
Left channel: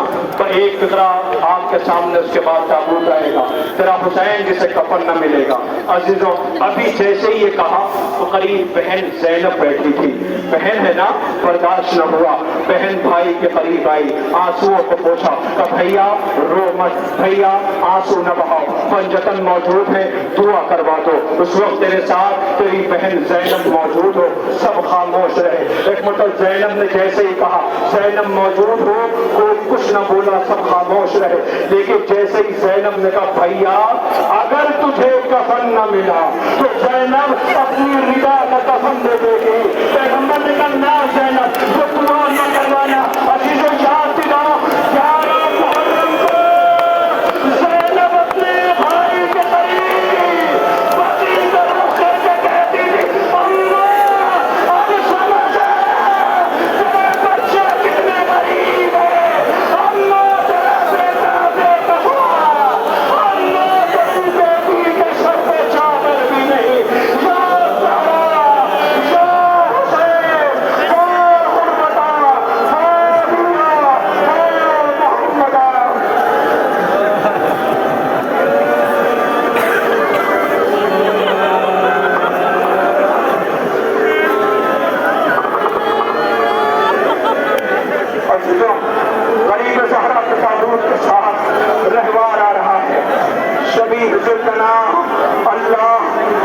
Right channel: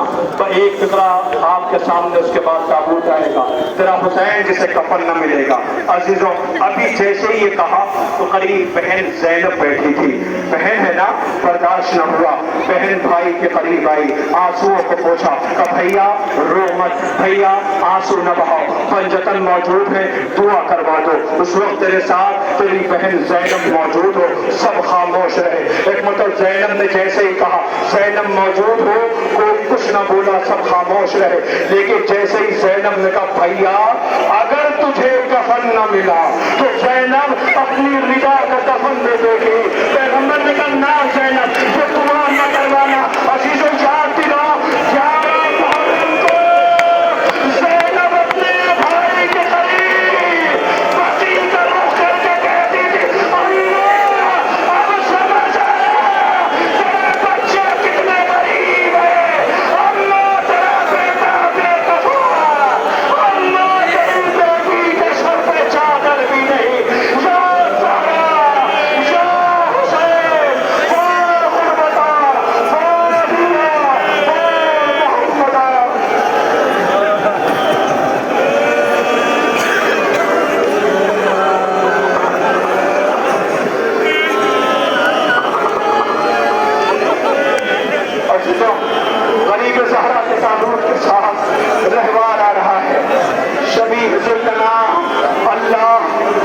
एक फिक्रा आपके सामने, उसके बाद ताबूत आएगा। तेरा हुसैन जिसे कफन न मिलेगा। अजीजों अभी जैसे ये कहा तो करीब बहन ज़ैनब बैठी थी। बहन है ना, बर्दाश्त न हुआ, बहन भाई के करीब आई, आंसुओं को पोंछा, कहा भैया रो मत, भैया आंसू न बहाओ, पंजतन मौजूद है, दुआ करवा दो। उस वक्त तेरे साथ तेरी बहन ज़ैनब मौजूद हो, सब खामोश रहे। एक मतलब ज़ैनब ने जैसे ही कहा ज़ैनब मौजूद हो, कोई कुछ न बोला, सब खामोश रहे। लेकिन जैसे ही ज़ैनब ने कहा भैया अगर तुझे कफन न मिला तो ज़ैनब अपनी रिदा का कफन दे देगी। पैगंबर ने कहा ना ज़ैनब, जो दुआ न करवाना। अजीजों याद दिलाओ 11 मुहर्रम को ज़ैनब अपने भाई के करीब पसीना होकर के कहती थी अम्मा अब समझ आया तेरे बच्चे कितने गरीब हैं, अम्मा तेरा बेटा बेकसूर, अम्मा तेरी बेटी के सर पे चादर भी नहीं। या ज़हरा, या हुसैन, वाह गुरबता, वाह दिया, वाह मोहम्मदा। अजीजों गरीब ज़हरा के ताबूत के साथ रहवार आ रहा है। शबीह ज़ुल्कना अल्लाह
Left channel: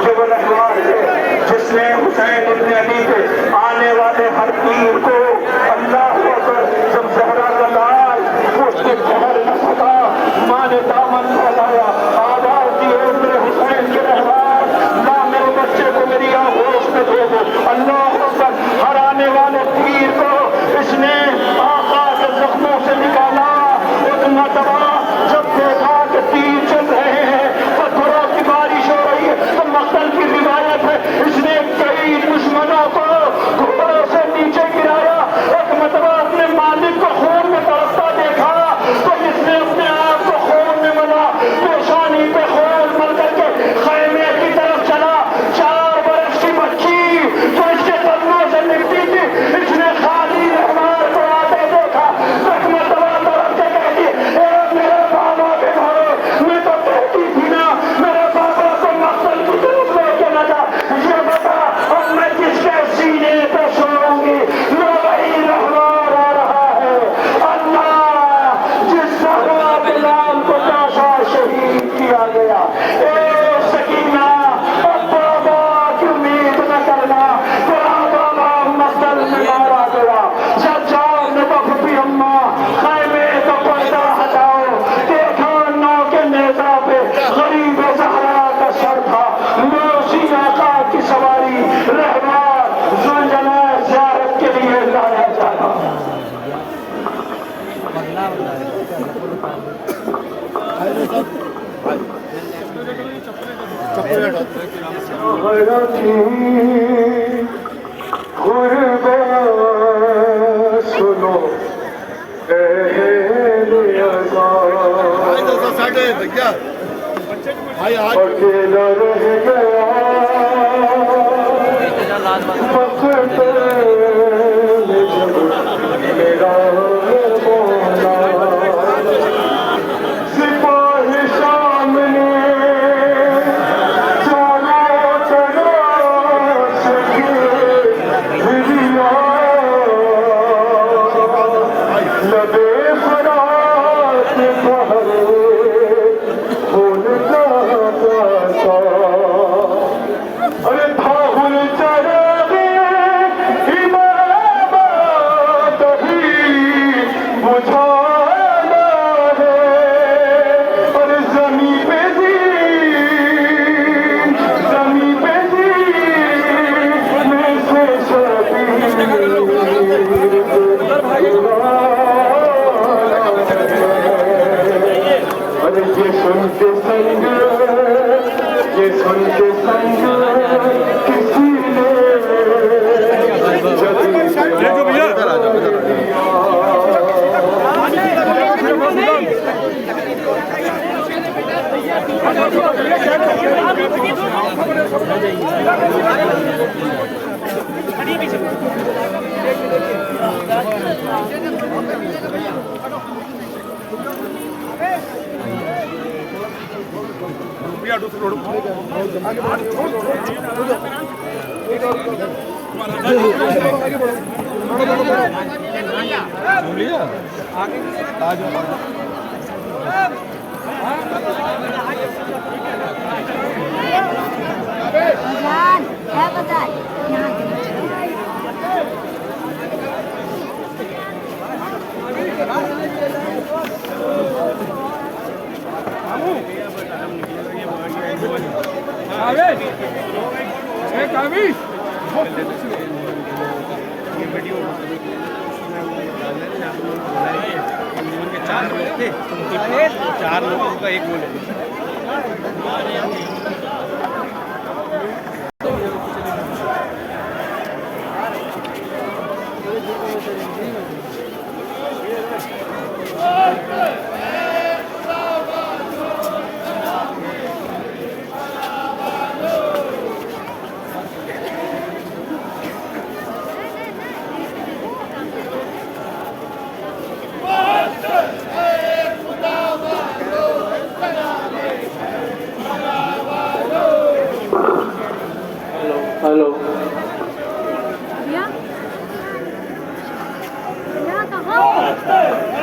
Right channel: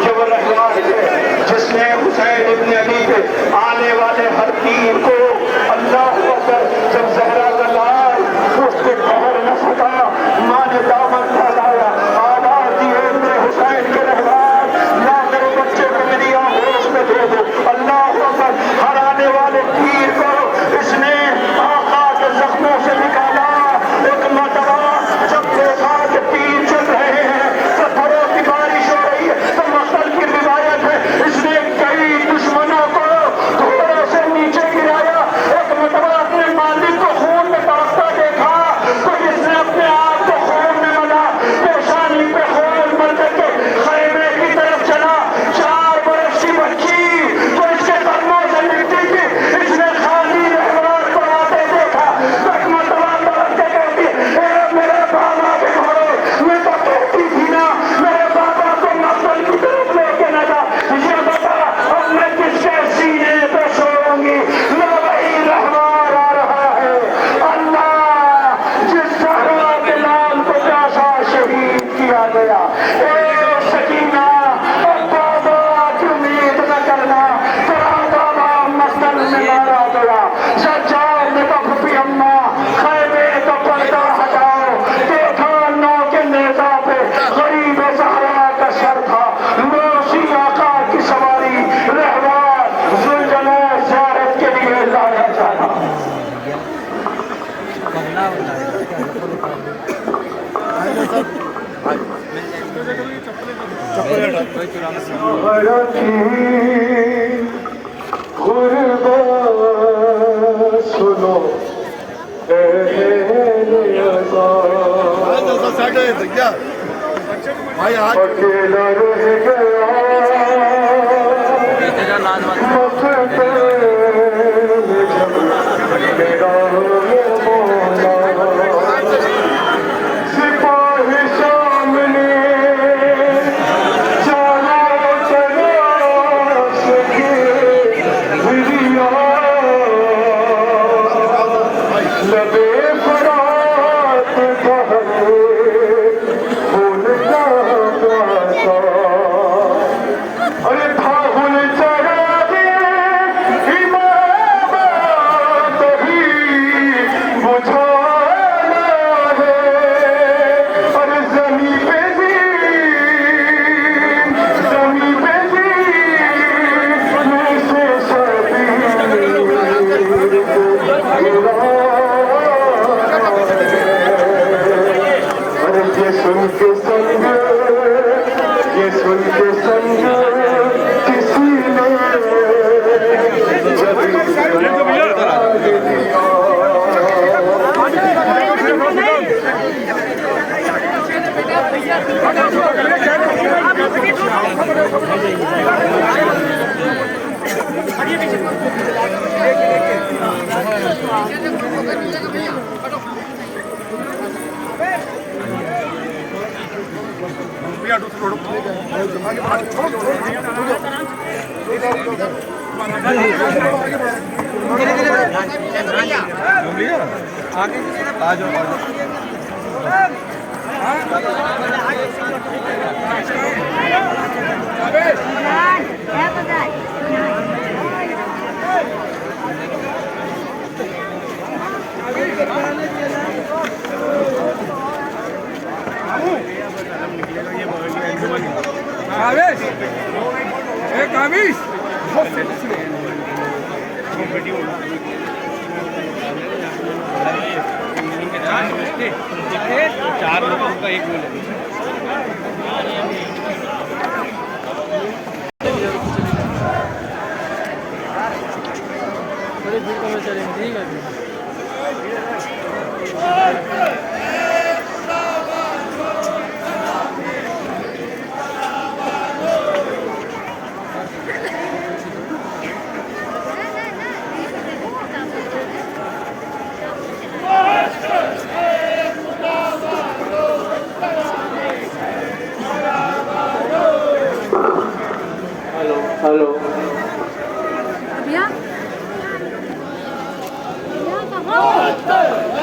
जो वो रहवार है जिसने हुसैन इब्न अली पे आने वाले हर तीर को अल्लाह अकबर, जब ज़हरा का लाल उसके पकड़ न सका, माँ ने दामन फैलाया, आवाज़ दी अपने हुसैन के रहवार, ना मेरे बच्चे को मेरी आगोश में दे दो। अल्लाह अकबर, हर आने वाले तीर को इसने आका के जख्मों से निकाला। एक मरतबा जब देखा कि तीर चल रहे हैं, पत्थरों की बारिश हो रही है, तो मक्तल की रिवायत है, इसने कई दुश्मनों को घोड़ों से नीचे गिराया। एक मरतबा अपने मालिक को खून में तड़पता देखा तो इसने अपने आप को खून में मला, पेशानी को खून मल करके खैमे की तरफ चला। 4 बरस की बच्ची जो इसके कदमों से निकली थी, इसने खाली रहवार पर आते देखा। एक मरतबा तड़प के कहती ए मेरे बाबा के घोड़े, ये तो कहती थी ना मेरे बाबा को मक्तल की तरफ लेके न जा, ये बता अब मैं किसके सीने पे सोऊंगी। लो वही रहवार आ रहा है। अल्लाह जिस ज़हरा के लाल को जाशा शहीद किया गया, ए सकीना अब बाबा की उम्मीद न करना, तेरा बाबा मक्तल में मारा गया। जाओ में तो फूफी अम्मा खैमे का पर्दा हटाओ, देखा नौ के नेता पे गरीब ज़हरा का सर था। लोसी आका की सवारी रहवार ज़ुलजना ज़ियारत के लिए लाया जाना। सुनो अकेला रह गया मेरा सिपाही सामने चारों तरफ से लबे फरार के संग ये सुन के संग किसी ने हेलो भैया भैया कहाँ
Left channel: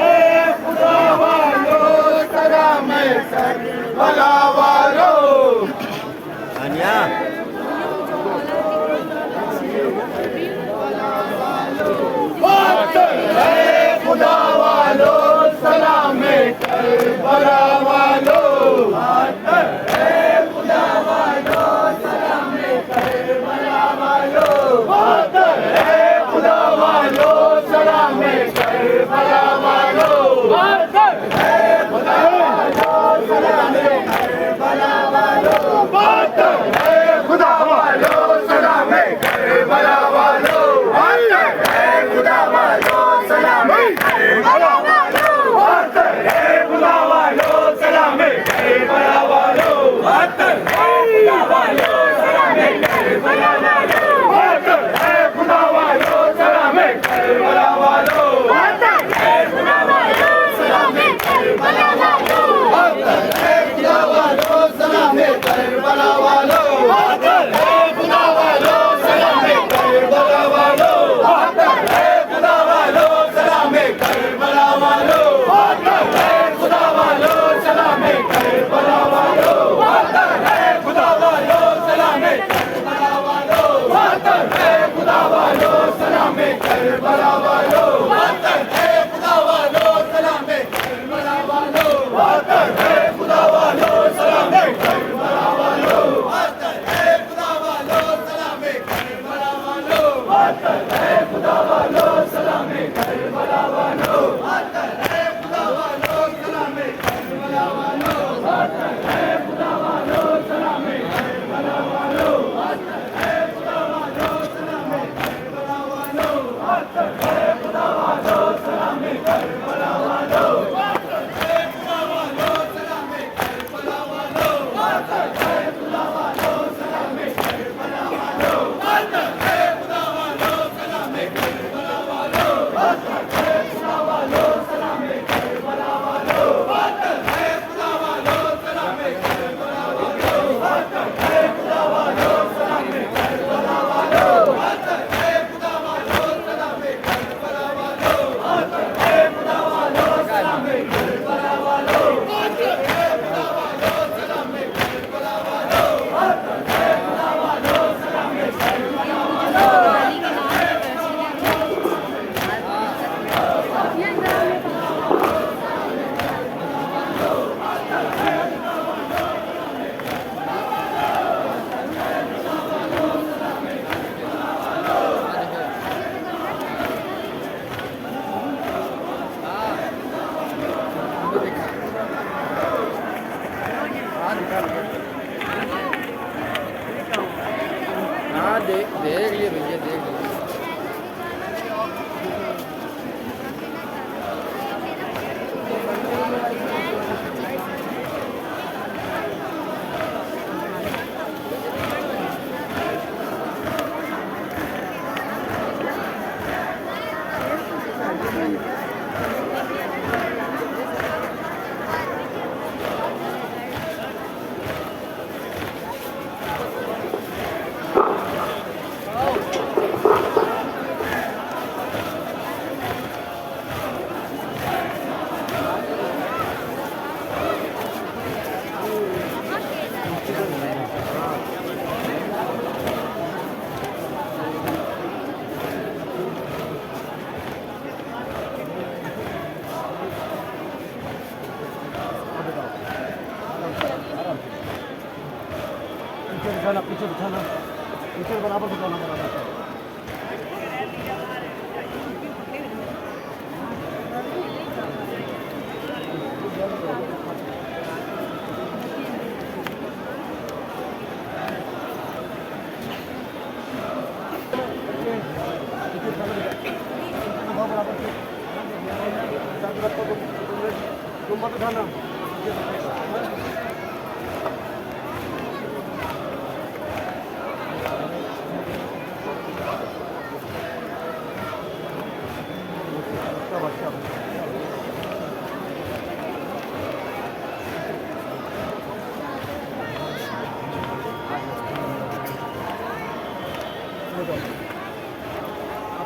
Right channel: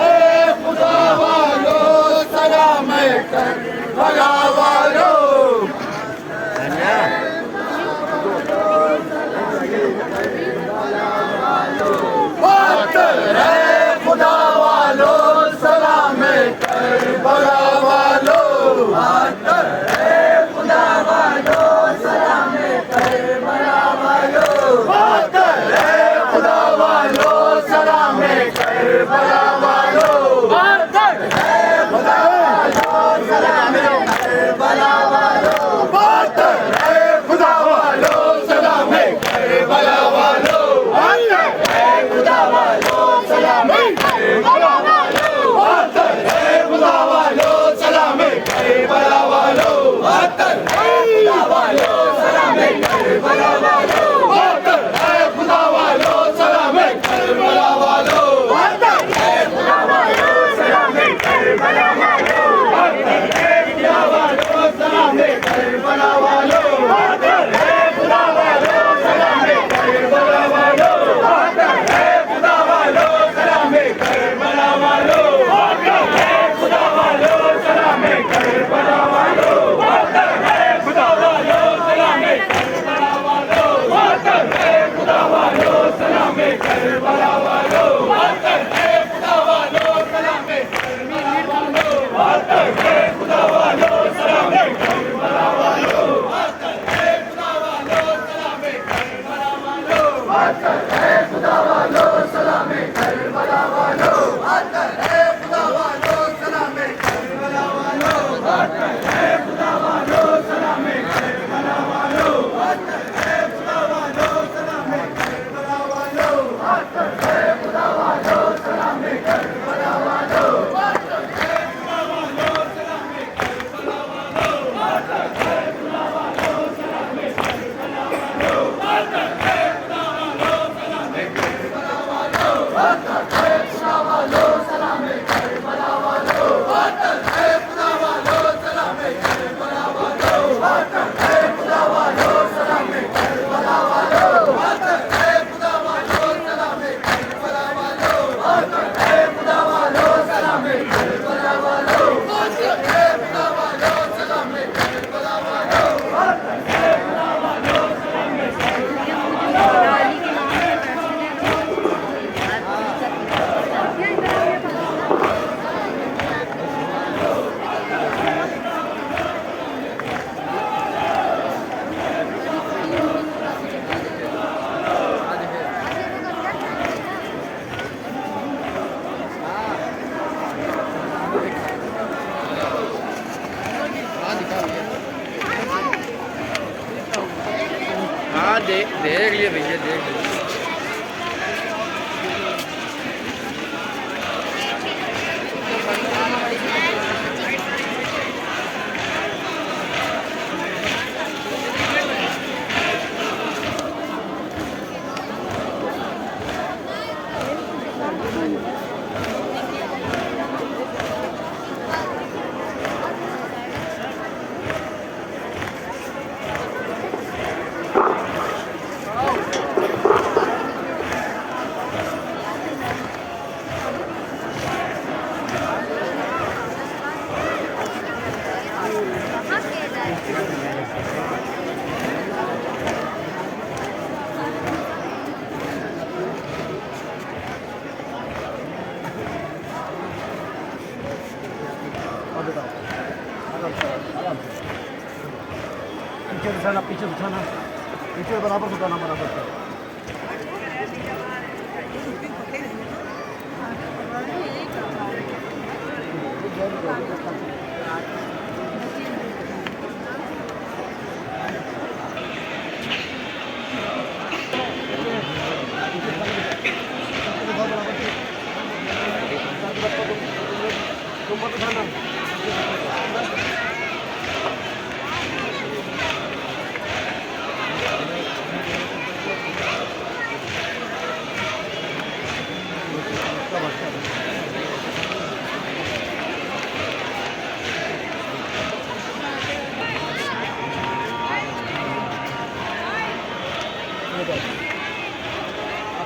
खुदा वालों हाँ देख लिए भैया देख लिए। पीछे बिछाना पीछे बराबर बिछाना बराबर तुम मत उठाना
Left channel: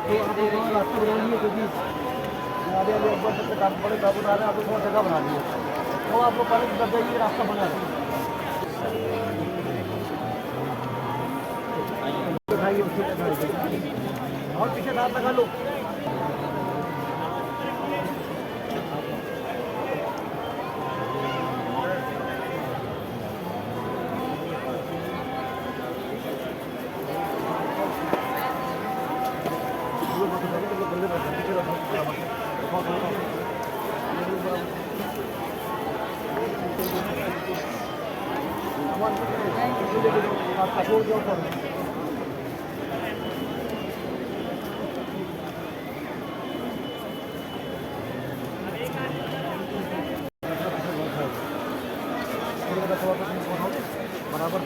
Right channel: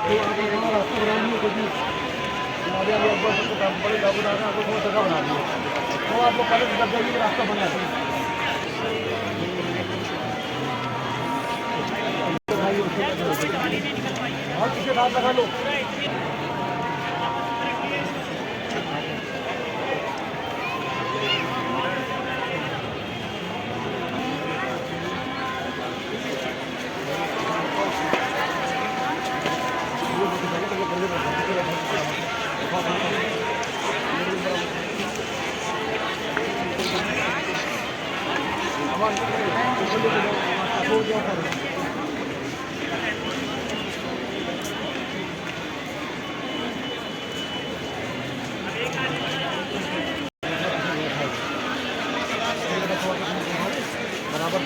रास्ता बना दिए क्योंकि अभी अकबर सबको काम बड़े काबू आ रहे हैं, आपको थोड़ा जगह बना दिए तो आप लोग पहले जब जाइए कि रास्ता बन जाता है और पीछे दांत लगा लो बराबर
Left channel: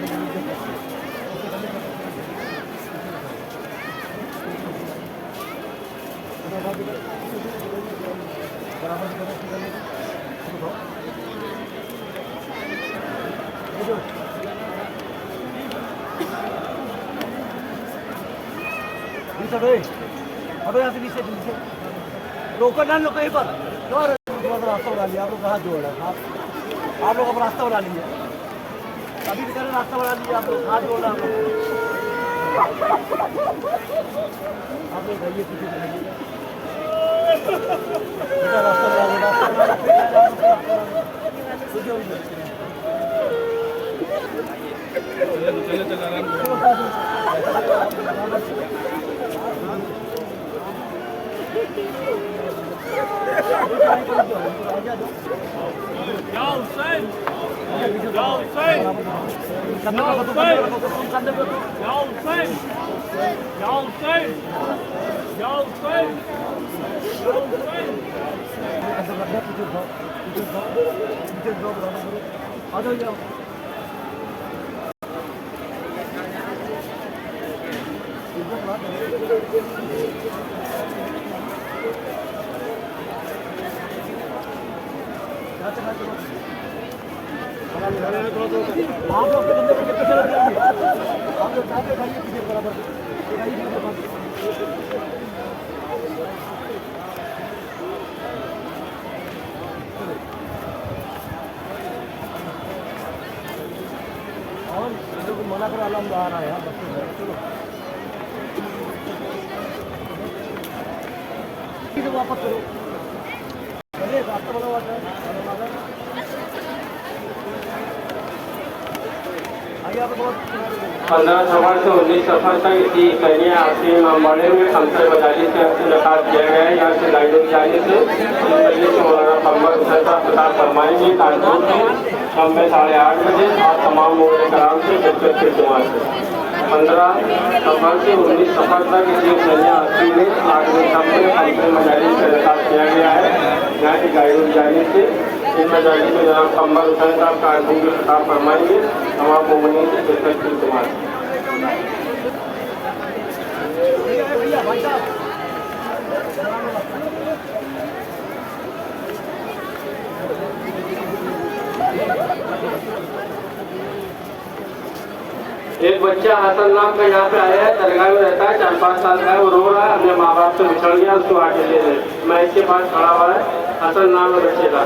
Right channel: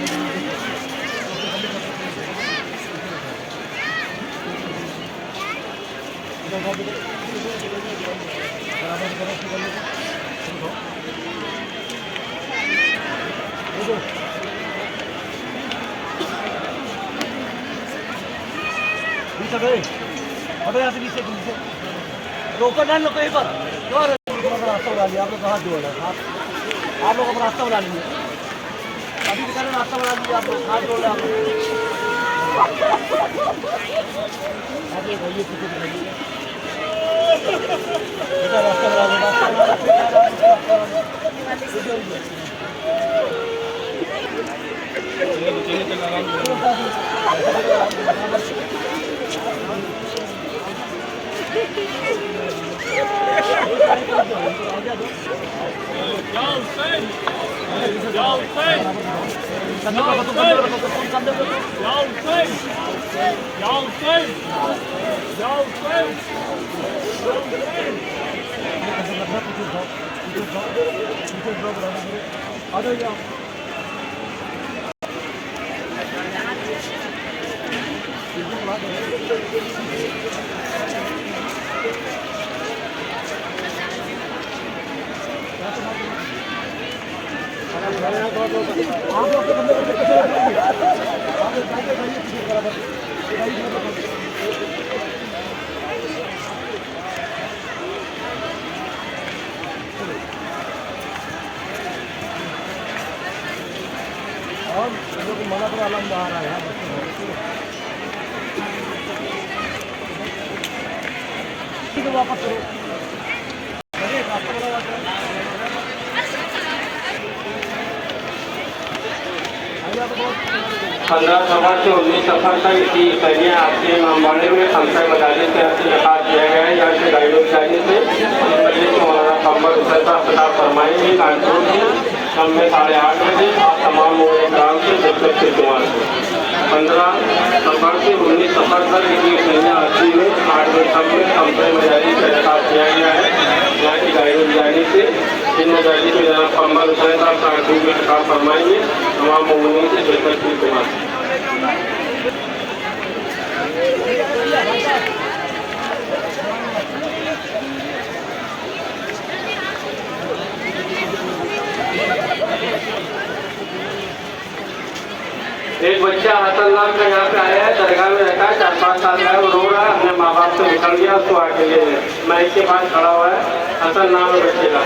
हटो यहाँ से पीछे रोकर डाल लो कहीं पर रास्ता बना लिया आप लोग हाथ जोड़ रहे हाथ आप लोग अपना रास्ता बना लीजिए अभी बेचारे रास्ता बना लीजिए आप लोग हाथ जोड़ रहे आप लोग भैया पीछे रास्ता आ जाओ आप लोग बंदे को कैसे रखेंगे आप लोग जाके खाइए बराबर और लोगों को मना करो अलार्म आ रहा है यार बच्चों चलो ठीक है वापस करो पंद्रह 16 से 19 सफर तक की कन्या आपके अम्बाड़े में संशय बताने से रखा किया गया है यहाँ से गाइडों जाने से हमारा संपर्क उतरता पता फरमाएंगे कानपुर की शाम में 8:30 बजे आप तमाम आराम से कुमार से 15 सफर से 19 सफर तक इनकी पहले 80 में 8 कंपनी मजारी का इंतजाम किया गया है। यहाँ की गाइड जाने से इन मजारी में जनाब कंबल हुसैन साहब साढ़े में काम फरमाएंगे। तमाम मोमिनीन से शिरकत की दुआ। एक बच्चा हसन नाम का यहाँ पे आया है, दरगाह में रहता है, 4-5 साल का है, वो रो रहा है, अपने माँ बाप से निकल गया, उसको अकेले में मैं इसके पास खड़ा हुआ है। हसन नाम है बच्चे का।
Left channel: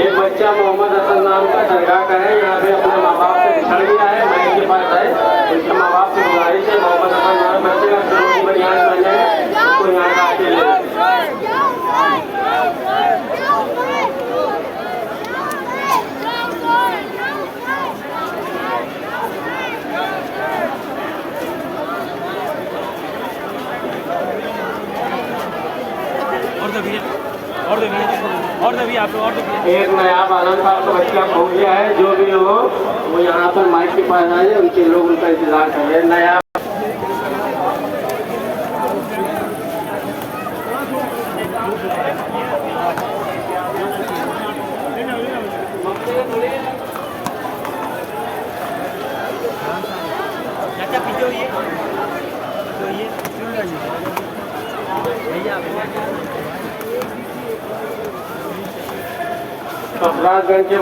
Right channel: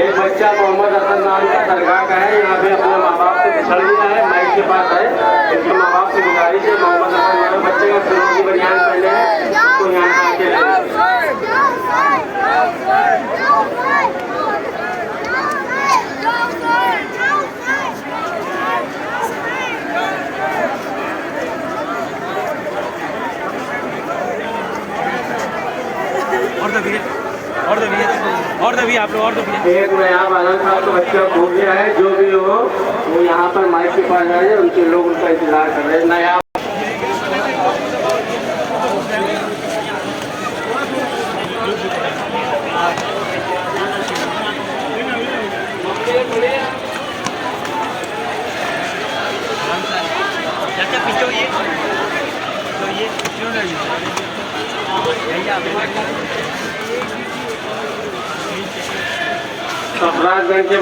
एक बच्चा मोहम्मद हसन नाम का दरगाह का है, यहाँ पे अपने माँ बाप से बिछड़ गया है, मैं इसके पास है। इसके माँ बाप की गुजारिश है, मोहम्मद हसन नाम बच्चे को फिरोजी बनियान पहने हैं, तो यहाँ का आके ले। एक नया बालन साहब का बच्चा खो गया है, जो भी हो वो यहाँ पर माइक के पास आए, उनके लोग उनका इंतजार कर रहे हैं। नया सफराजगंज के